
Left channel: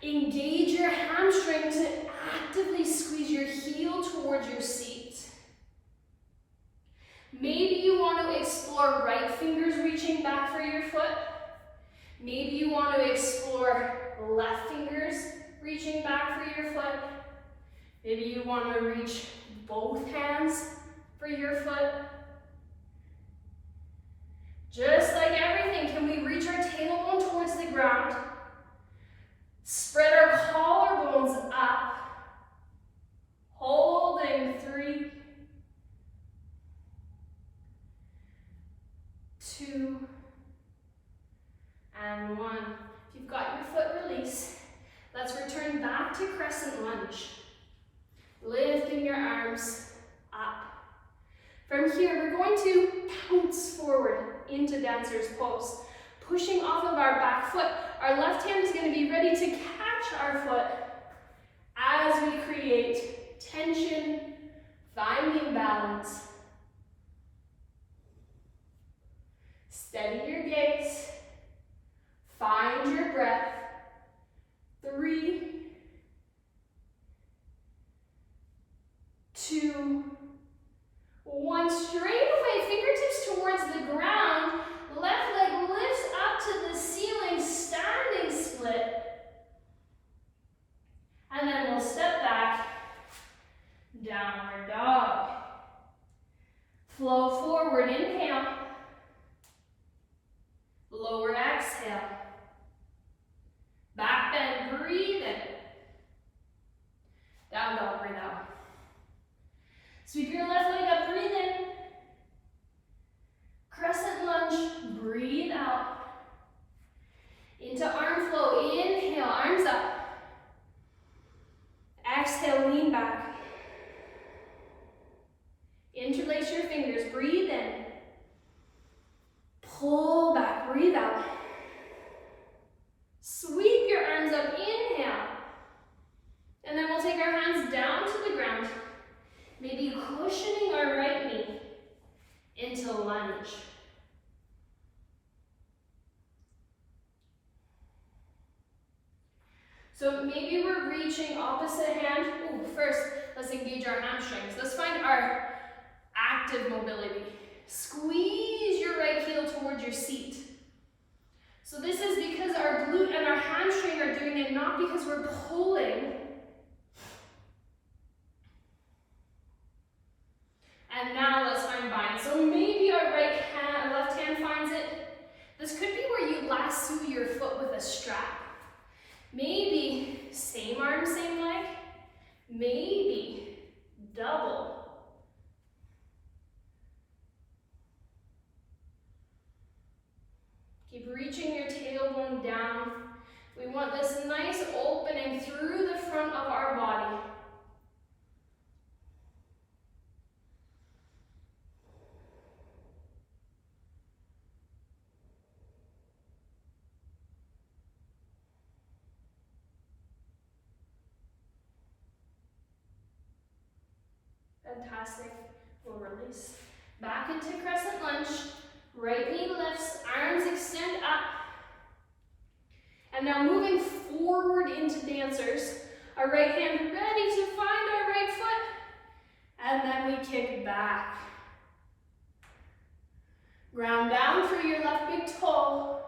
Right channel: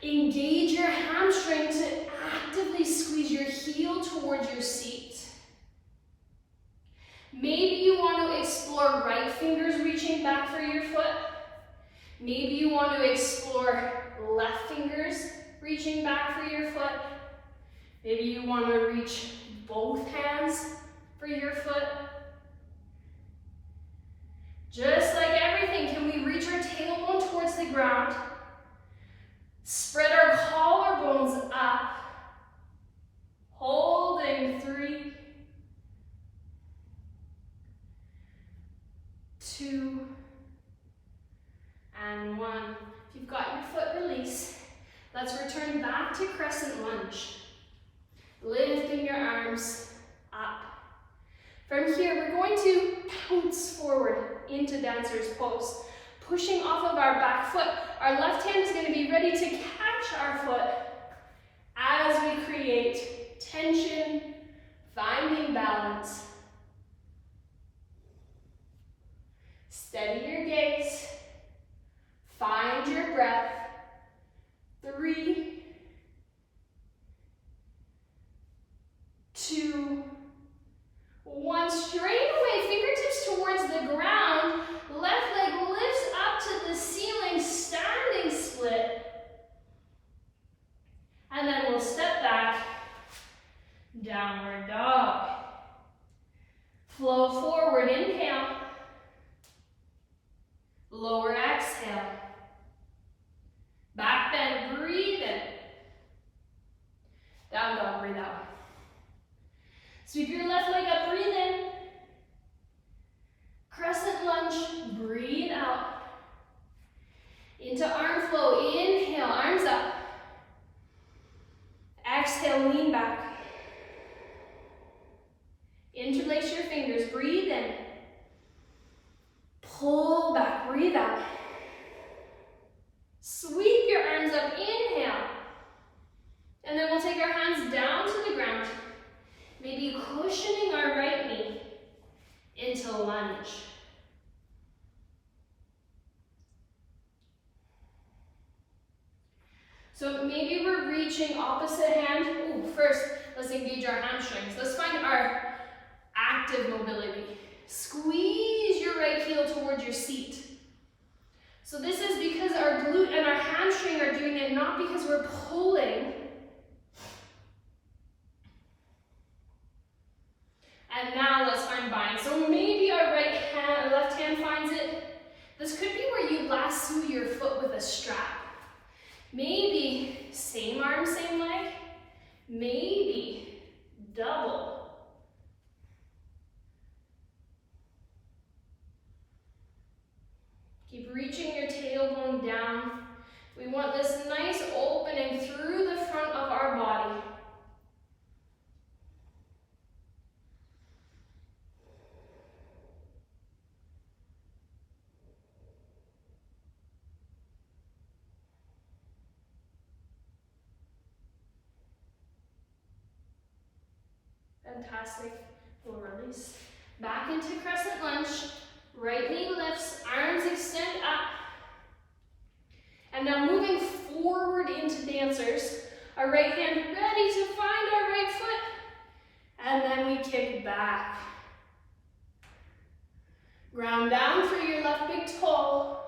Engage your hamstring to actively squeeze your heel towards your seat. Maybe you want to explore right fingers reaching back for your foot. Maybe you want to explore left fingers reaching back for your foot. Maybe you want to reach both hands for your foot. Just like everything, can we reach our tailbone towards the ground? Spread our collarbones up. Holding 3, 2, and 1. If you've got your foot, release. Let's return back to crescent lunge. Lifting your arms up. From here, we're going to pounce forward into dancer's pose. Pushing off of our back foot, our left hand is going to be ready to catch our foot as we create tension, finding balance. Steady your gaze. Find your breath. 3, 2, 1. Straight away, fingertips downward dog. Flow forward, inhale. Lower exhale. Back bend, breathe in. Down dog, breathe out. Sweep your left leg up, breathe in. Crescent lunge, breathe out. Into arm flow, inhale, arms up. Exhale, lean back. Interlace your fingers, breathe in. Pull back, breathe out. Sweep your arms up, inhale. And then we'll take our hands down to the ground, maybe cushioning our right knee into lunge. So maybe we're reaching opposite hand. Ooh, first, let's engage our hamstrings. Let's find our active mobility. Squeeze your right heel towards your seat. So this is because our glute and our hamstring are doing it, not because we're pulling. And now let's find bind. So maybe our left hand finds it. This could be where you lasso your foot with a strap. Maybe same arm, same leg. Maybe double. Keep reaching your tailbone down. We want this nice opening through the front of our body. Fantastic. We'll release. Back into crescent lunge. Right knee lifts, arms extend up. And now moving forward into dancers. Our right hand ready to find our right foot. And then we kick back. Ground down for your left big toe.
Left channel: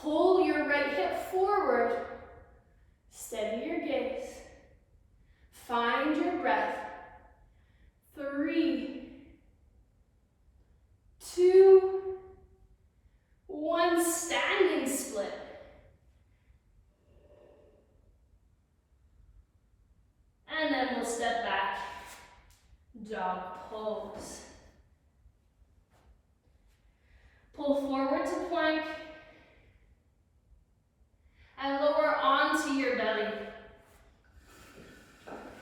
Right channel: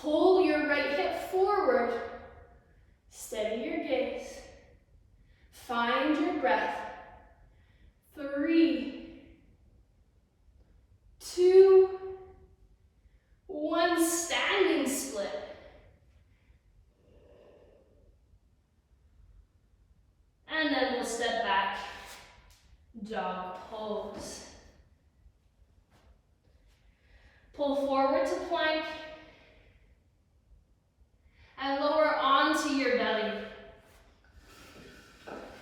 Pull your right hip forward. Steady your gaze. Find your breath. 3, 2, 1, standing split. And then we'll step back, dog pose. Pull forward to plank and lower onto your belly.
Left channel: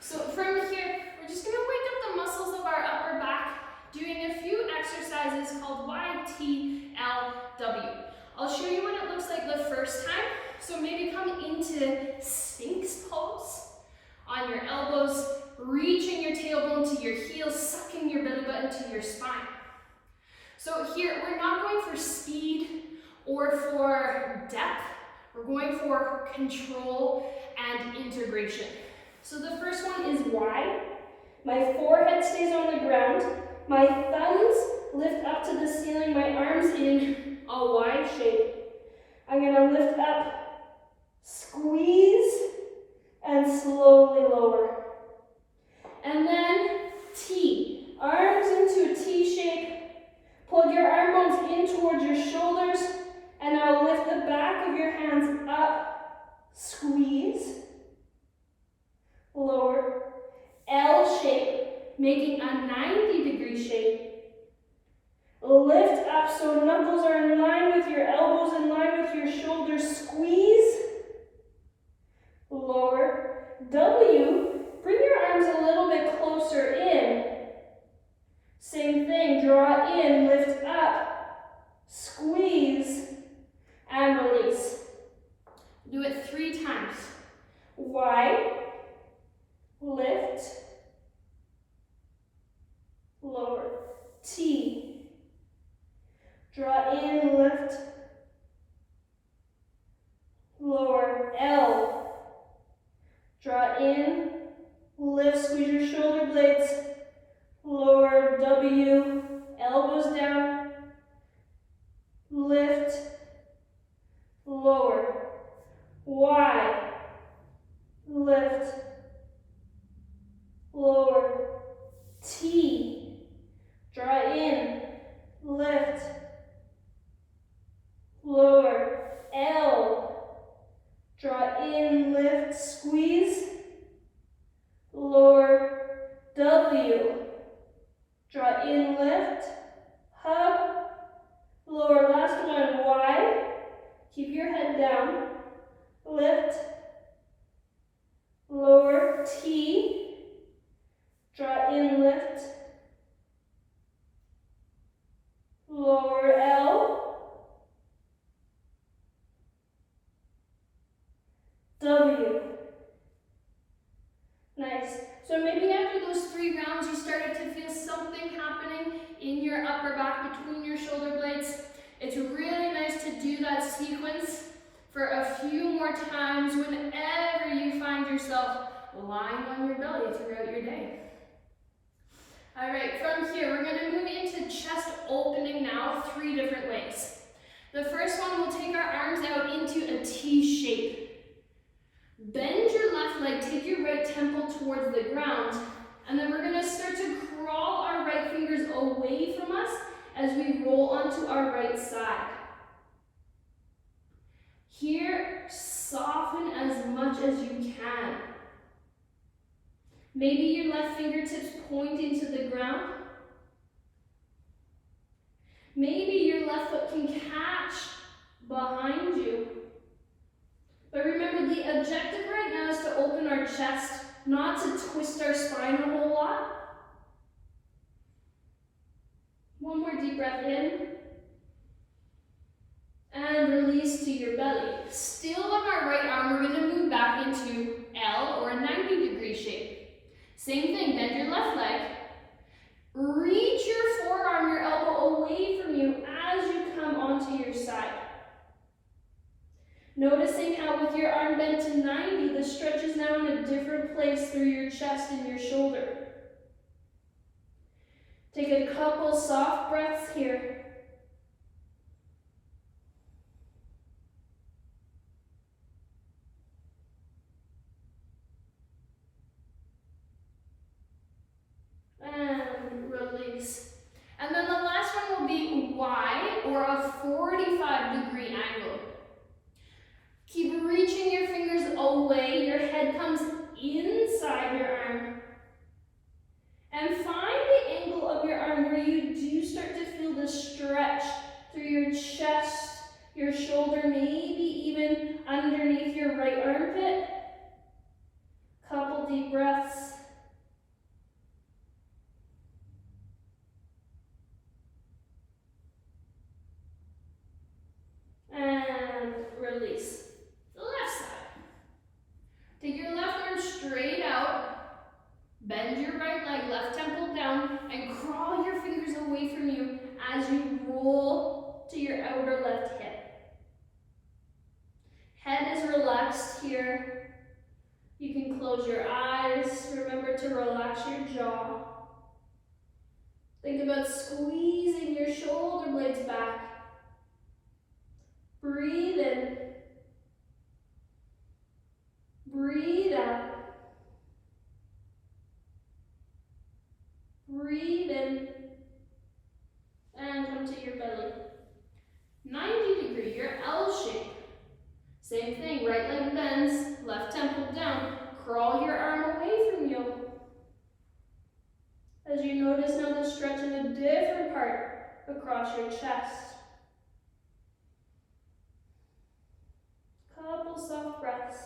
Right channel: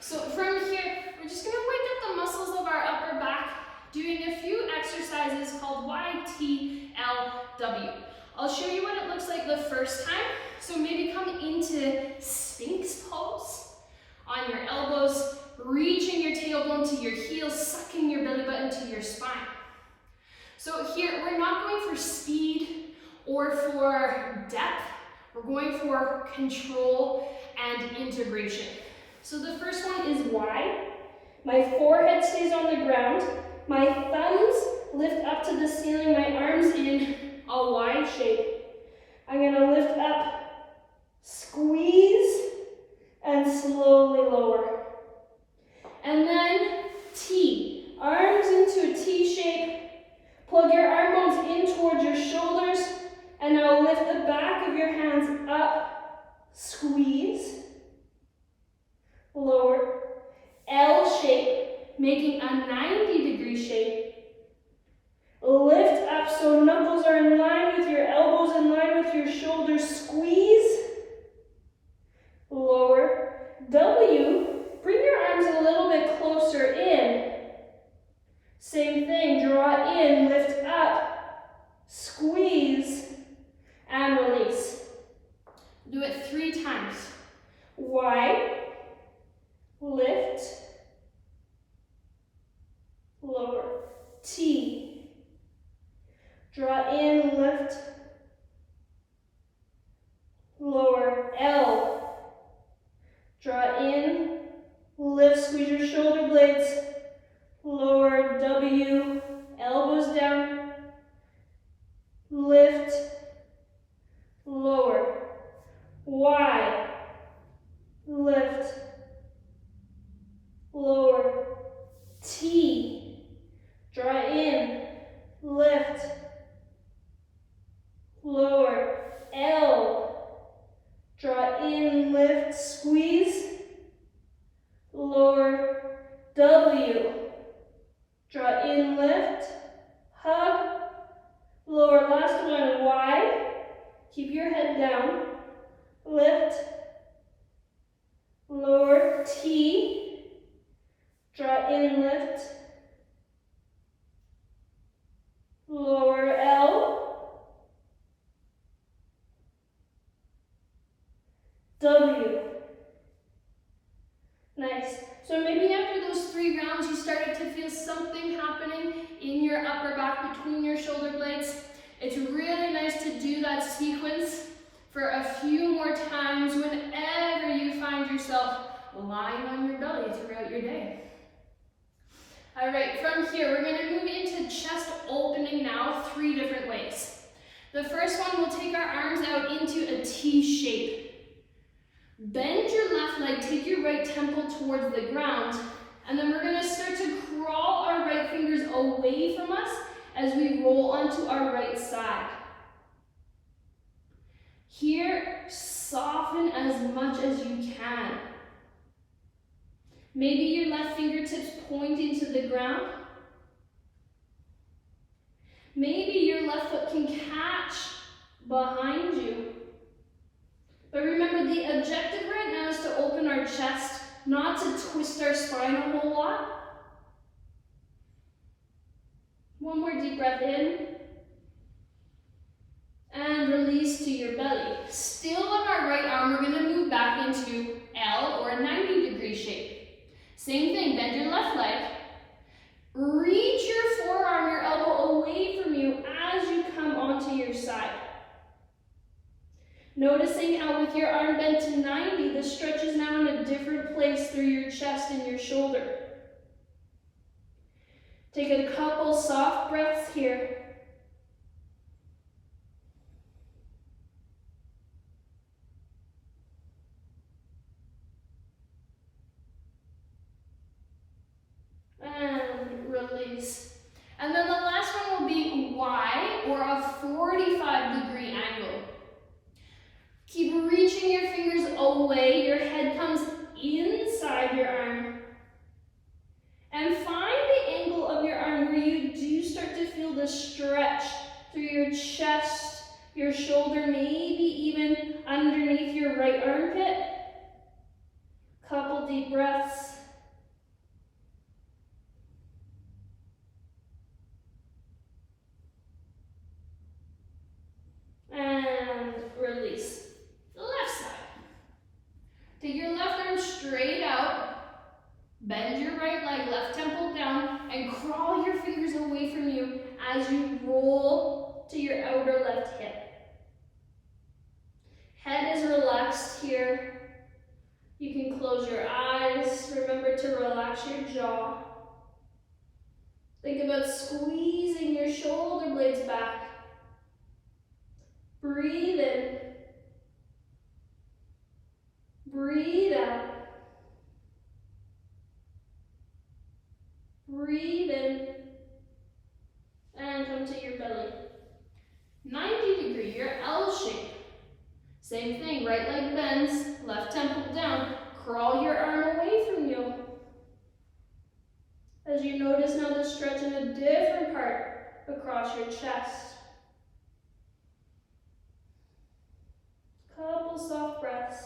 So from here, we're just gonna wake up the muscles of our upper back, doing a few exercises called YTLW. I'll show you what it looks like the first time. So maybe come into Sphinx pose on your elbows, reaching your tailbone to your heels, sucking your belly button to your spine. So here, we're not going for speed or for depth. We're going for control and integration. So the first one is Y. My forehead stays on the ground. My thumbs lift up to the ceiling, my arms in a Y shape. I'm gonna lift up, squeeze, and slowly lower. And then T, arms into a T shape. Plug your arm bones in towards your shoulders, and now lift the back of your hands up, squeeze, lower, L shape, making a 90-degree shape. Lift up so knuckles are in line with your elbows, in line with your shoulders, squeeze, lower, W, bring your arms a little bit closer in. Same thing, draw in, lift up, squeeze, and release. Do it 3 times. Y, lift, lower, T, draw in, lift, lower, L, draw in, lift, squeeze your shoulder blades, lower, W, elbows down, lift, lower, Y, lift, lower, Draw in, lift, squeeze. Lower, W. Draw in, lift, hug. Lower, last one, Y. Keep your head down. Lift. Lower, T. Draw in, lift. Lower, L. W. Nice. So maybe after those 3 rounds, you started to feel something happening in your upper back between your shoulder blades. It's really nice to do that sequence for a few more times whenever you find yourself lying on your belly throughout your day. All right, from here, we're gonna move into chest opening now, 3 different ways. The first one, we'll take our arms out into a T shape. Bend your left leg, take your right temple towards the ground, and then we're gonna start to crawl our right fingers away from us as we roll onto our right side. Here, soften as much as you can. Maybe your left fingertips pointing to the ground. Maybe your left foot can catch behind you. But remember, the objective right now is to open our chest, not to twist our spine a whole lot. One more deep breath in. And release to your belly. Still on our right arm, we're gonna move back into L, or a 90-degree shape. Same thing, bend your left leg. Reach your forearm, your elbow away from you as you come onto your side. Noticing how with your arm bent to 90, the stretch is now in a different place through your chest and your shoulder. Take a couple soft breaths here. And release. And then the last one will be Y, or a 45-degree angle. Keep reaching your fingers away, your head comes inside your arm. And find the angle of your arm where you do start to feel the stretch through your chest, your shoulder, maybe even underneath your right armpit. Couple deep breaths. And release. The left side. Take your left arm straight out. Bend your right leg, left temple down, and crawl your fingers away from you as you roll to your outer left hip. Head is relaxed here. You can close your eyes. Remember to relax your jaw. Think about squeezing your shoulder blades back. Breathe in. Breathe out. Breathe in. And come to your belly. 90-degree, your L shape. Same thing, right leg bends, left temple down. Crawl your arm away from you. As you notice now the stretch in a different part across your chest. Couple soft breaths.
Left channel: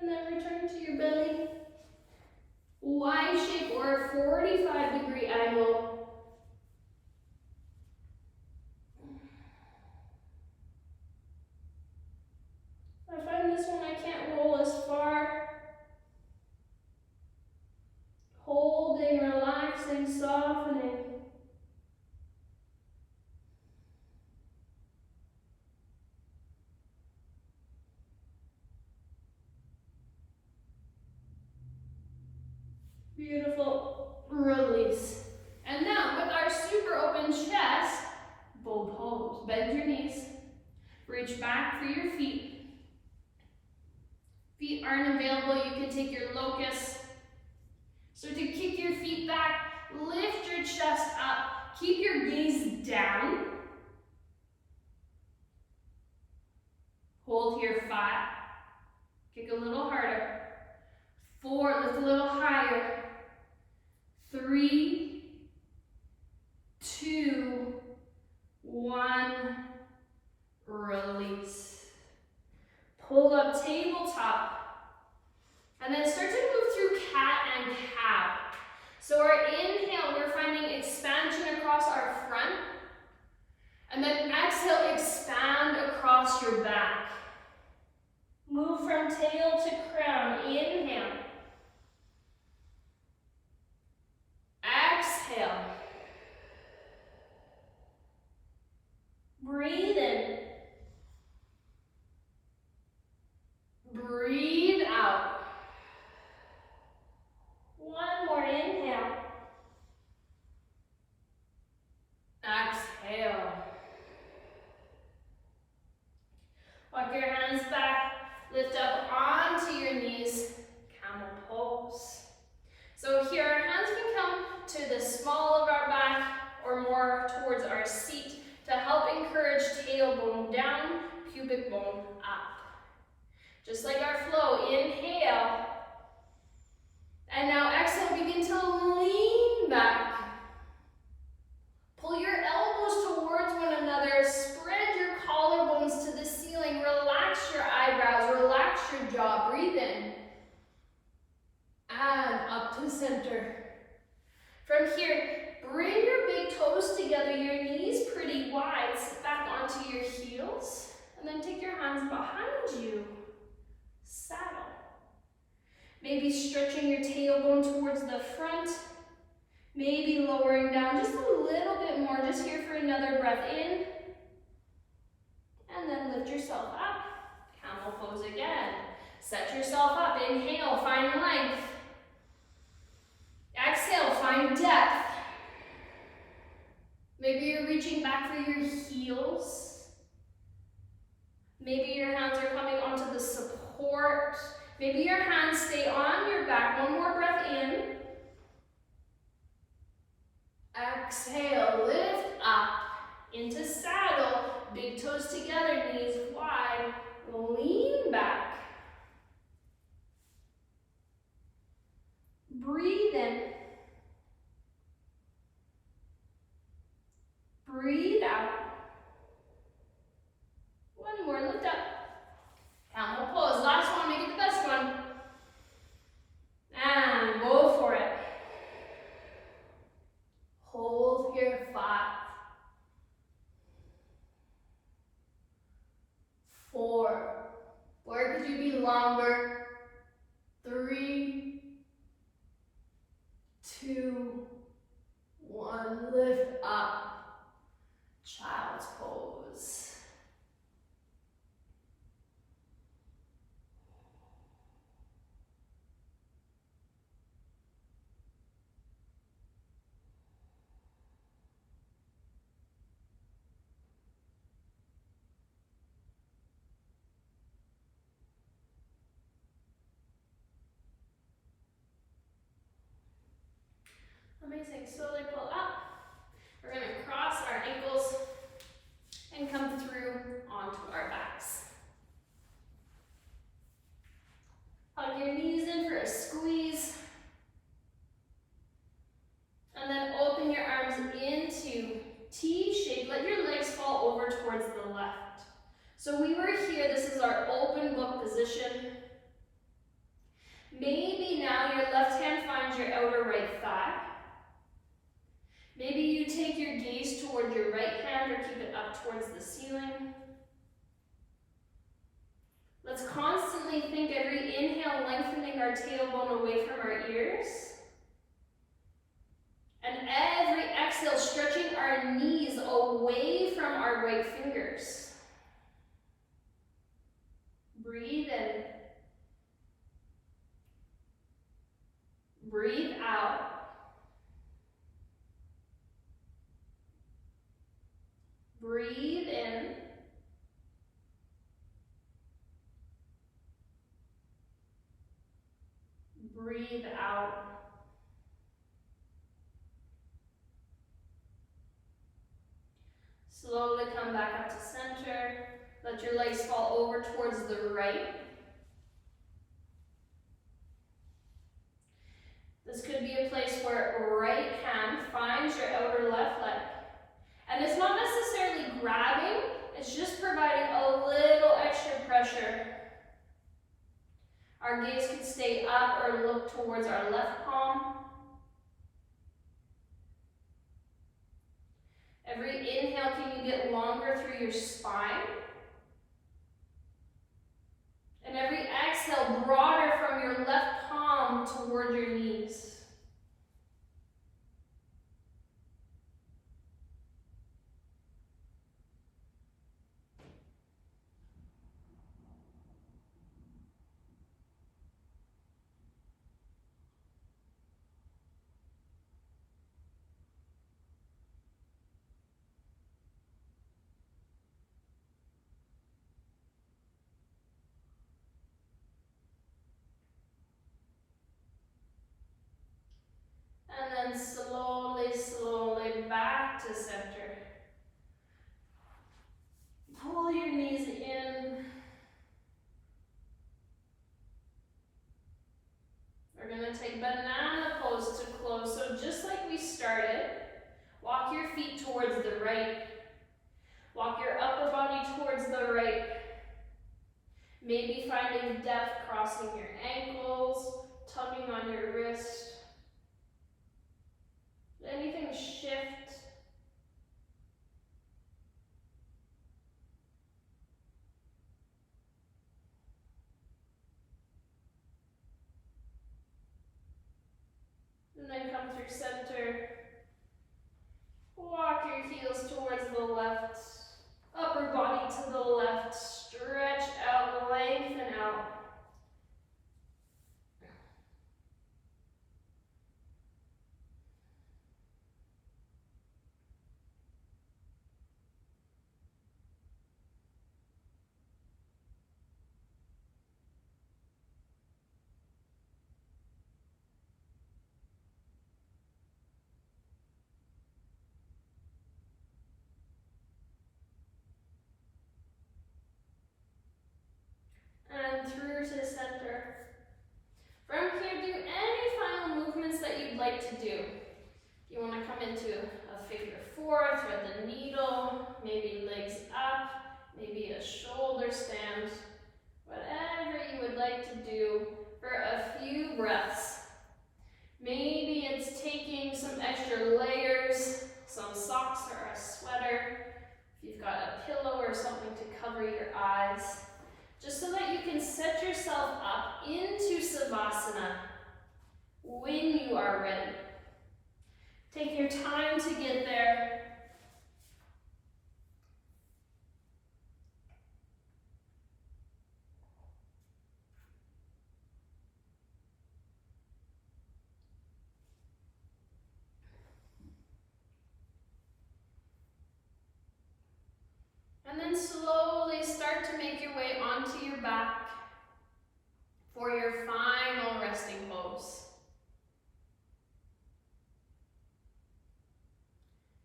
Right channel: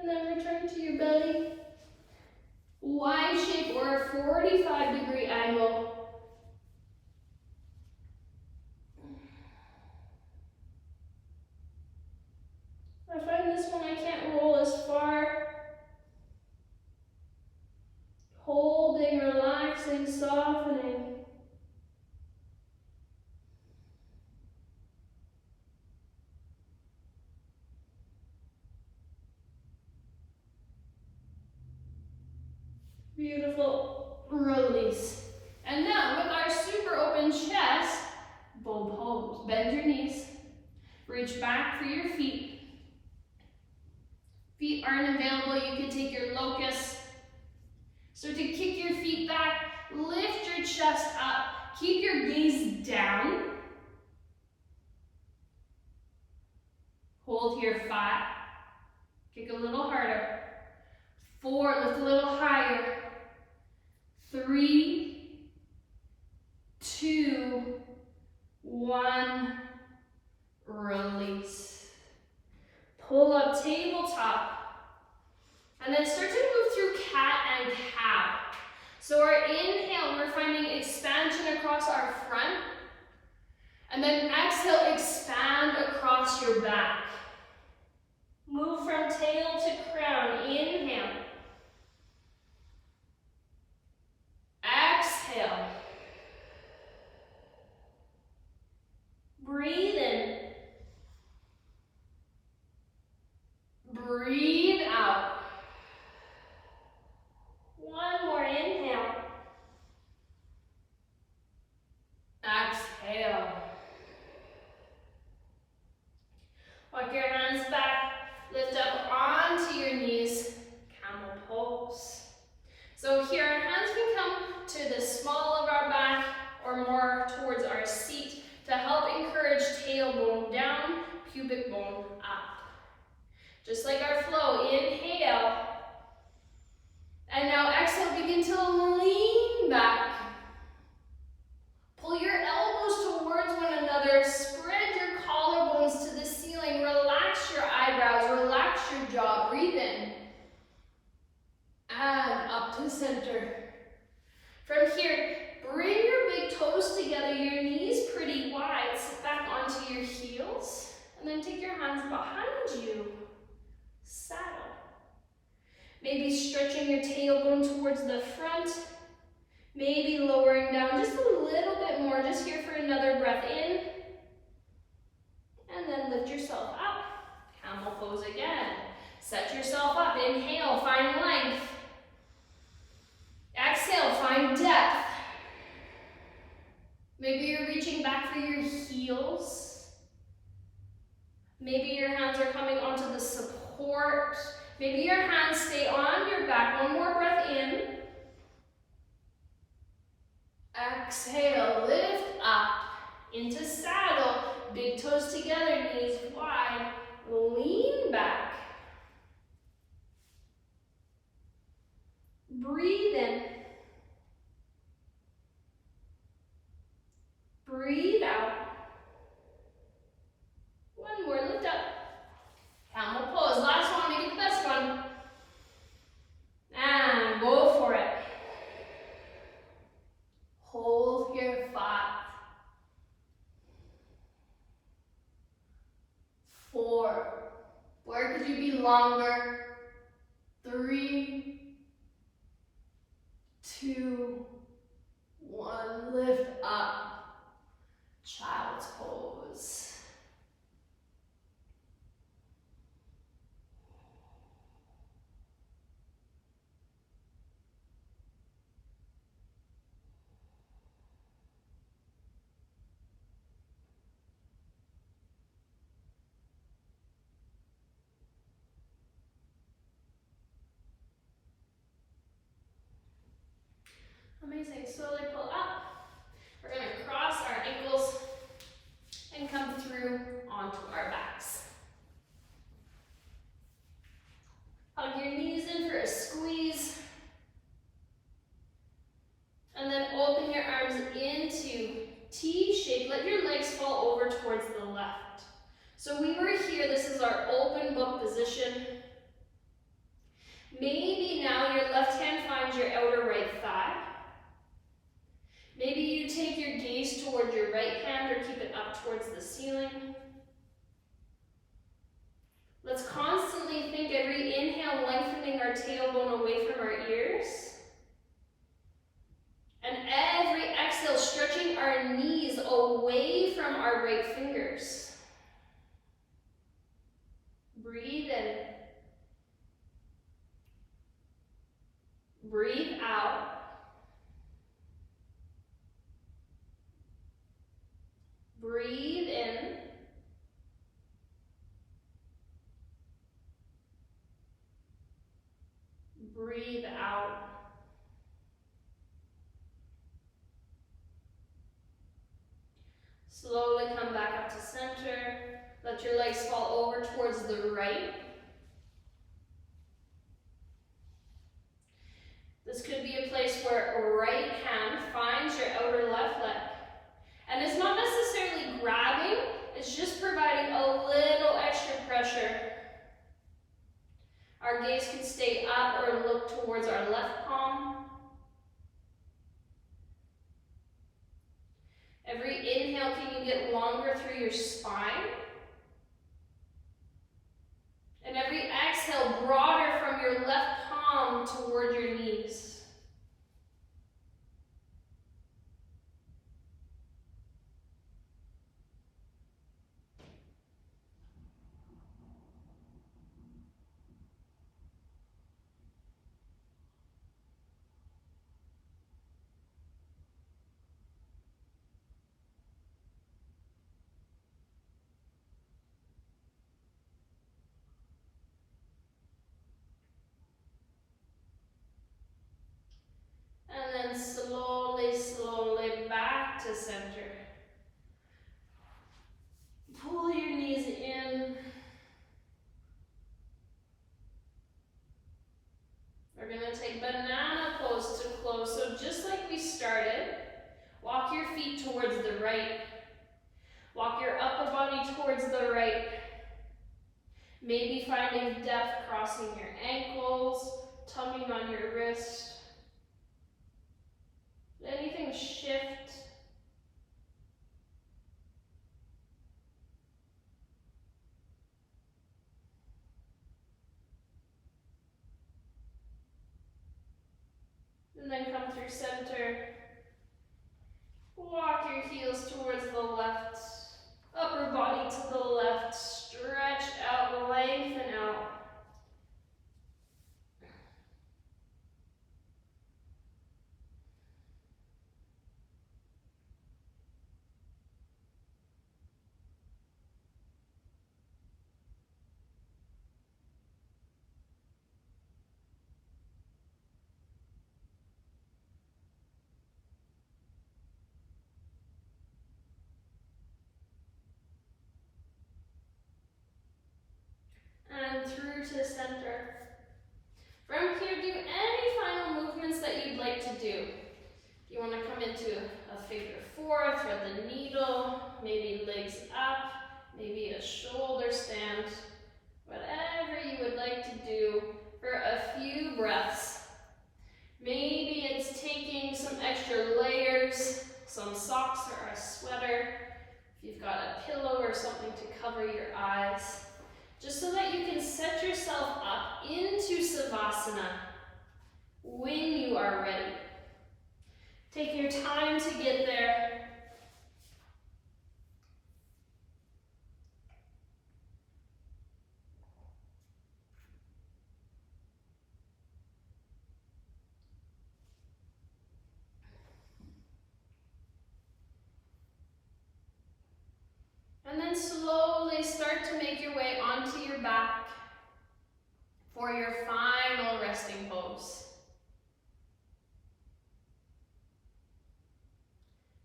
And then return to your belly. Y shape, or a 45-degree angle. I find this one I can't roll as far. Holding, relaxing, softening. Beautiful. Release. And now with our super open chest, bow pose. Bend your knees. Reach back for your feet. Feet aren't available, you can take your locust. So to kick your feet back, lift your chest up. Keep your gaze down. Hold here, 5. Kick a little harder. 4, lift a little higher. 3, 2, 1, release. Pull up tabletop. And then start to move through cat and cow. So our inhale, we're finding expansion across our front. And then exhale, expand across your back. Move from tail to crown. Inhale. Exhale. Breathe in. Breathe out. One more inhale. Exhale. Walk your hands back. Lift up onto your knees. Camel pose. So here our hands can come to the small of our back or more towards our seat to help encourage tailbone down, pubic bone up. Just like our flow, inhale. And now exhale, begin to lean back. Pull your elbows towards one another. Spread your collarbones to the ceiling. Relax your eyebrows. Relax your jaw. Breathe in. And up to center. From here, bring your big toes together. Your knees pretty wide. Sit back onto your heels. And then take your hands behind you. Saddle. Maybe stretching your tailbone towards the front. Maybe lowering down just a little bit more, just here for another breath in. And then lift yourself up. Camel pose again. Set yourself up. Inhale, find length. Exhale, find depth. Maybe you're reaching back for your heels. Maybe your hands are coming onto the support. Maybe your hands stay on your back. One more breath in. Exhale, lift up into saddle. Big toes together, knees wide. Lean back. Breathe in. Breathe out. One more, lift up. Camel pose, last one, make it the best one. And go for it. Hold here, 5, 4, where could you be longer? 3, 2, 1, lift up, child's pose. Amazing, slowly pull up. We're gonna cross our ankles and come through onto our backs. Hug your knees in for a squeeze. And then open your arms into T shape. Let your legs fall over towards the left. So we were here, this is our open book position. Maybe now your left hand finds your outer right thigh. Maybe you take your gaze toward your right hand or keep it up towards the ceiling. Let's constantly think every inhale lengthening our tailbone away from our ears. And every exhale stretching our knees away from our right fingers. Breathe in. Breathe out. Breathe in. Breathe out. Slowly come back up to center. Let your legs fall over towards the right. This could be a place where right hand finds your outer left leg. And it's not necessarily grabbing, it's just providing a little extra pressure. Our gaze can stay up or look towards our left palm. Every inhale, can you get longer through your spine? And every exhale, broader from your left palm toward your knees. And then slowly, slowly back to center. Pull your knees in. We're going to take banana pose to close. So just like we started, walk your feet towards the right. Walk your upper body towards the right. Maybe finding depth, crossing your ankles, tugging on your wrist. Anything shift. And then come through center. Walk your heels towards the left. Upper body to the left. Stretch out, lengthen out. And through to center. From here, do any final movements that you'd like to do. If you want to come into a figure four, thread the needle, maybe legs up, maybe a shoulder stand, whatever you would like to do for a few breaths. Maybe it's taking some extra layers, some socks or a sweater, if you've got a pillow or something to cover your eyes. Just so that you can set yourself up into Savasana when you are ready. Take your time to get there. And then slowly start to make your way onto your back for your final resting pose.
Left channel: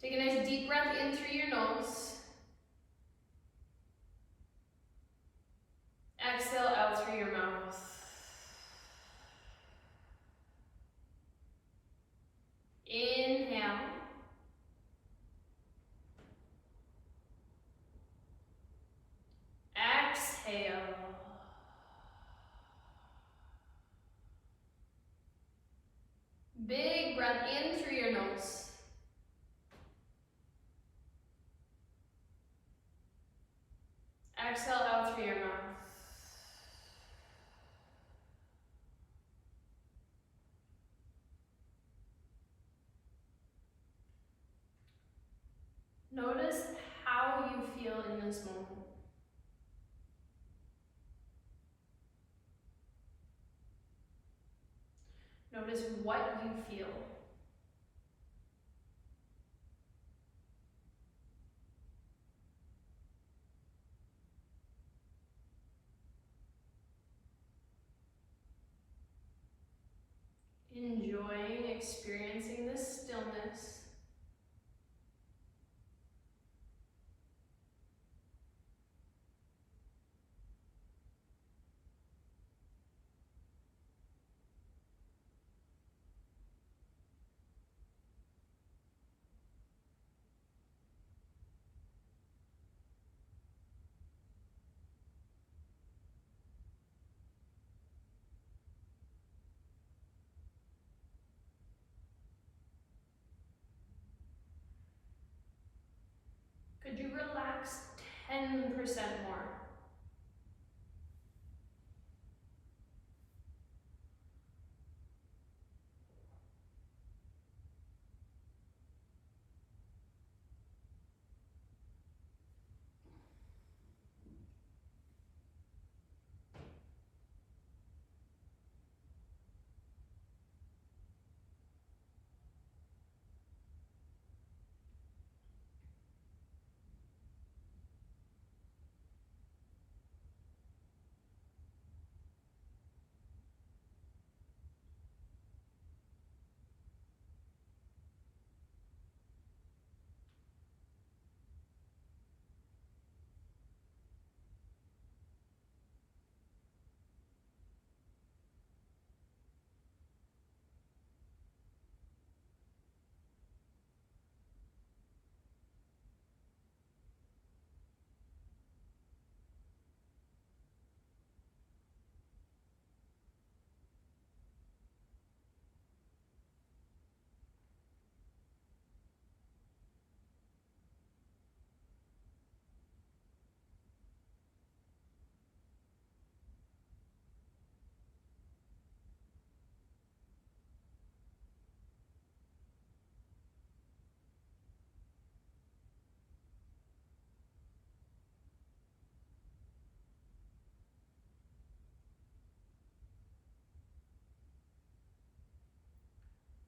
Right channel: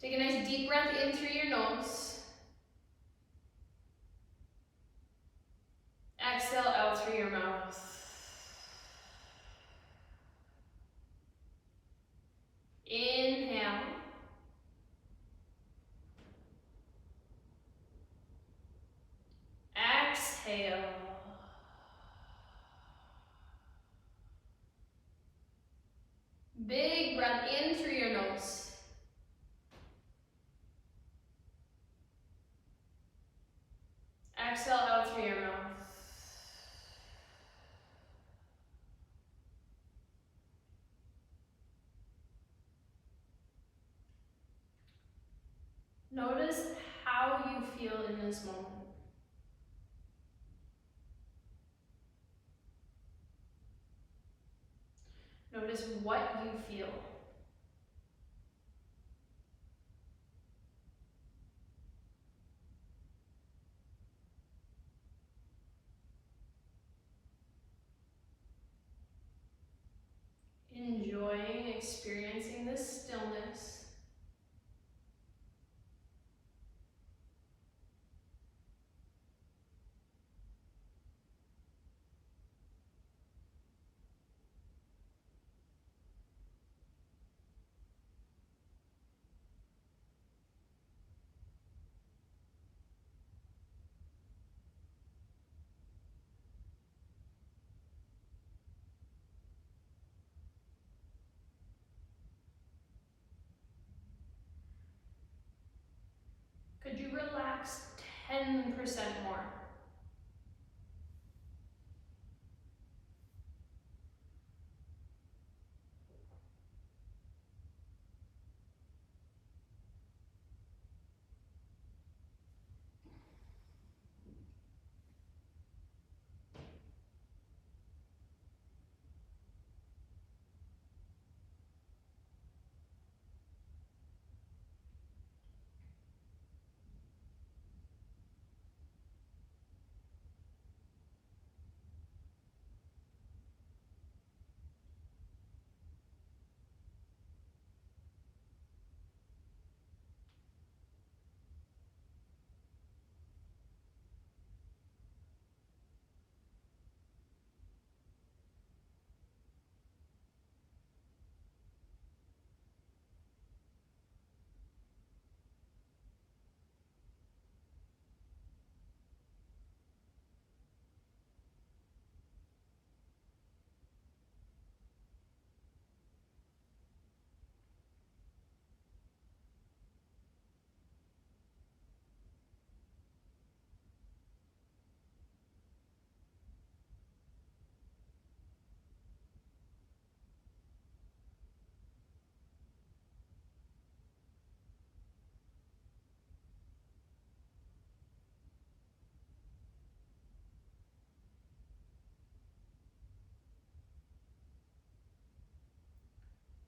Take a nice deep breath in through your nose. Exhale out through your mouth. Inhale. Exhale. Big breath in through your nose. Exhale out through your mouth. Notice how you feel in this moment. Notice what you feel. enjoying, experiencing this stillness. Could you relax 10% more?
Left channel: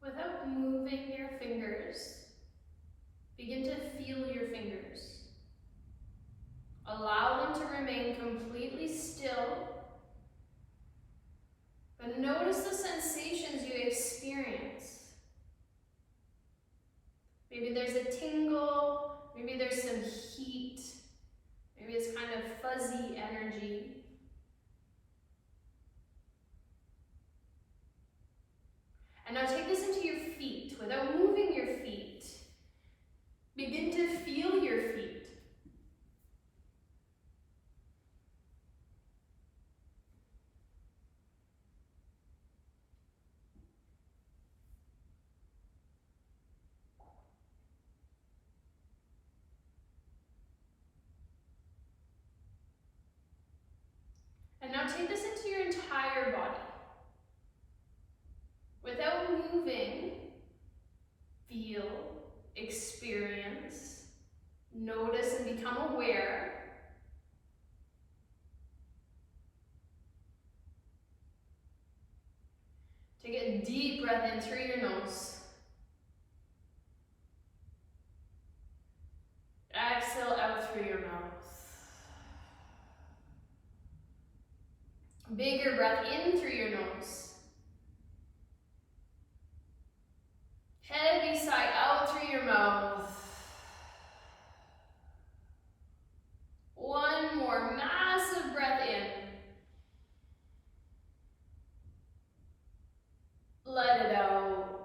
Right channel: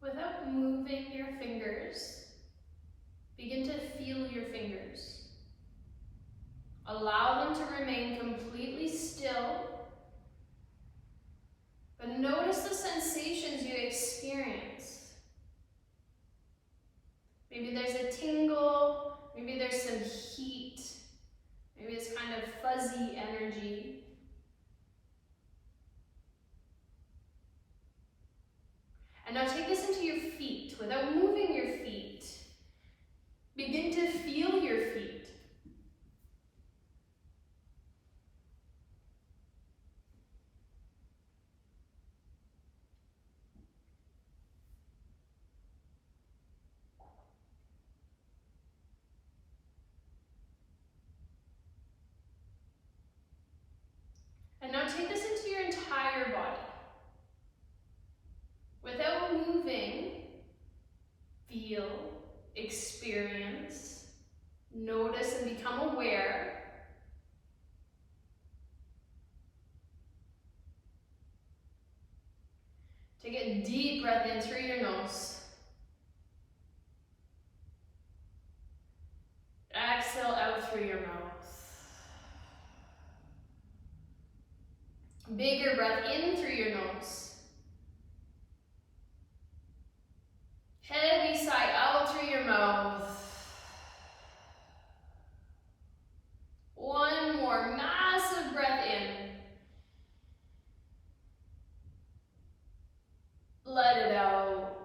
Without moving your fingers, begin to feel your fingers. Allow them to remain completely still, but notice the sensations you experience. Maybe there's a tingle, maybe there's some heat, maybe it's kind of fuzzy energy. And now take this into your feet without moving your feet. Begin to feel your feet. And now take this into your entire body. Without moving, feel, experience, notice and become aware. Take a deep breath in through your nose. Exhale out through your mouth. Bigger breath in through your nose. Heavy sigh out through your mouth. One more massive breath in. Let it out.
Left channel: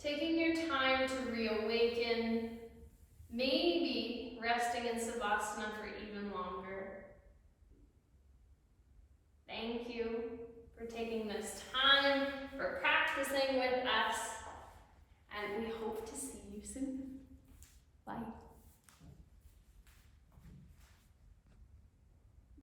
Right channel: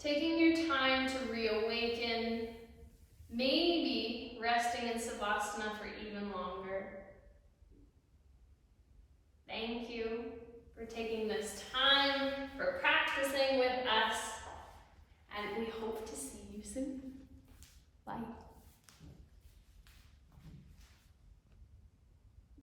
Taking your time to reawaken, maybe resting in Savasana for even longer. Thank you for taking this time, for practicing with us, and we hope to see you soon. Bye.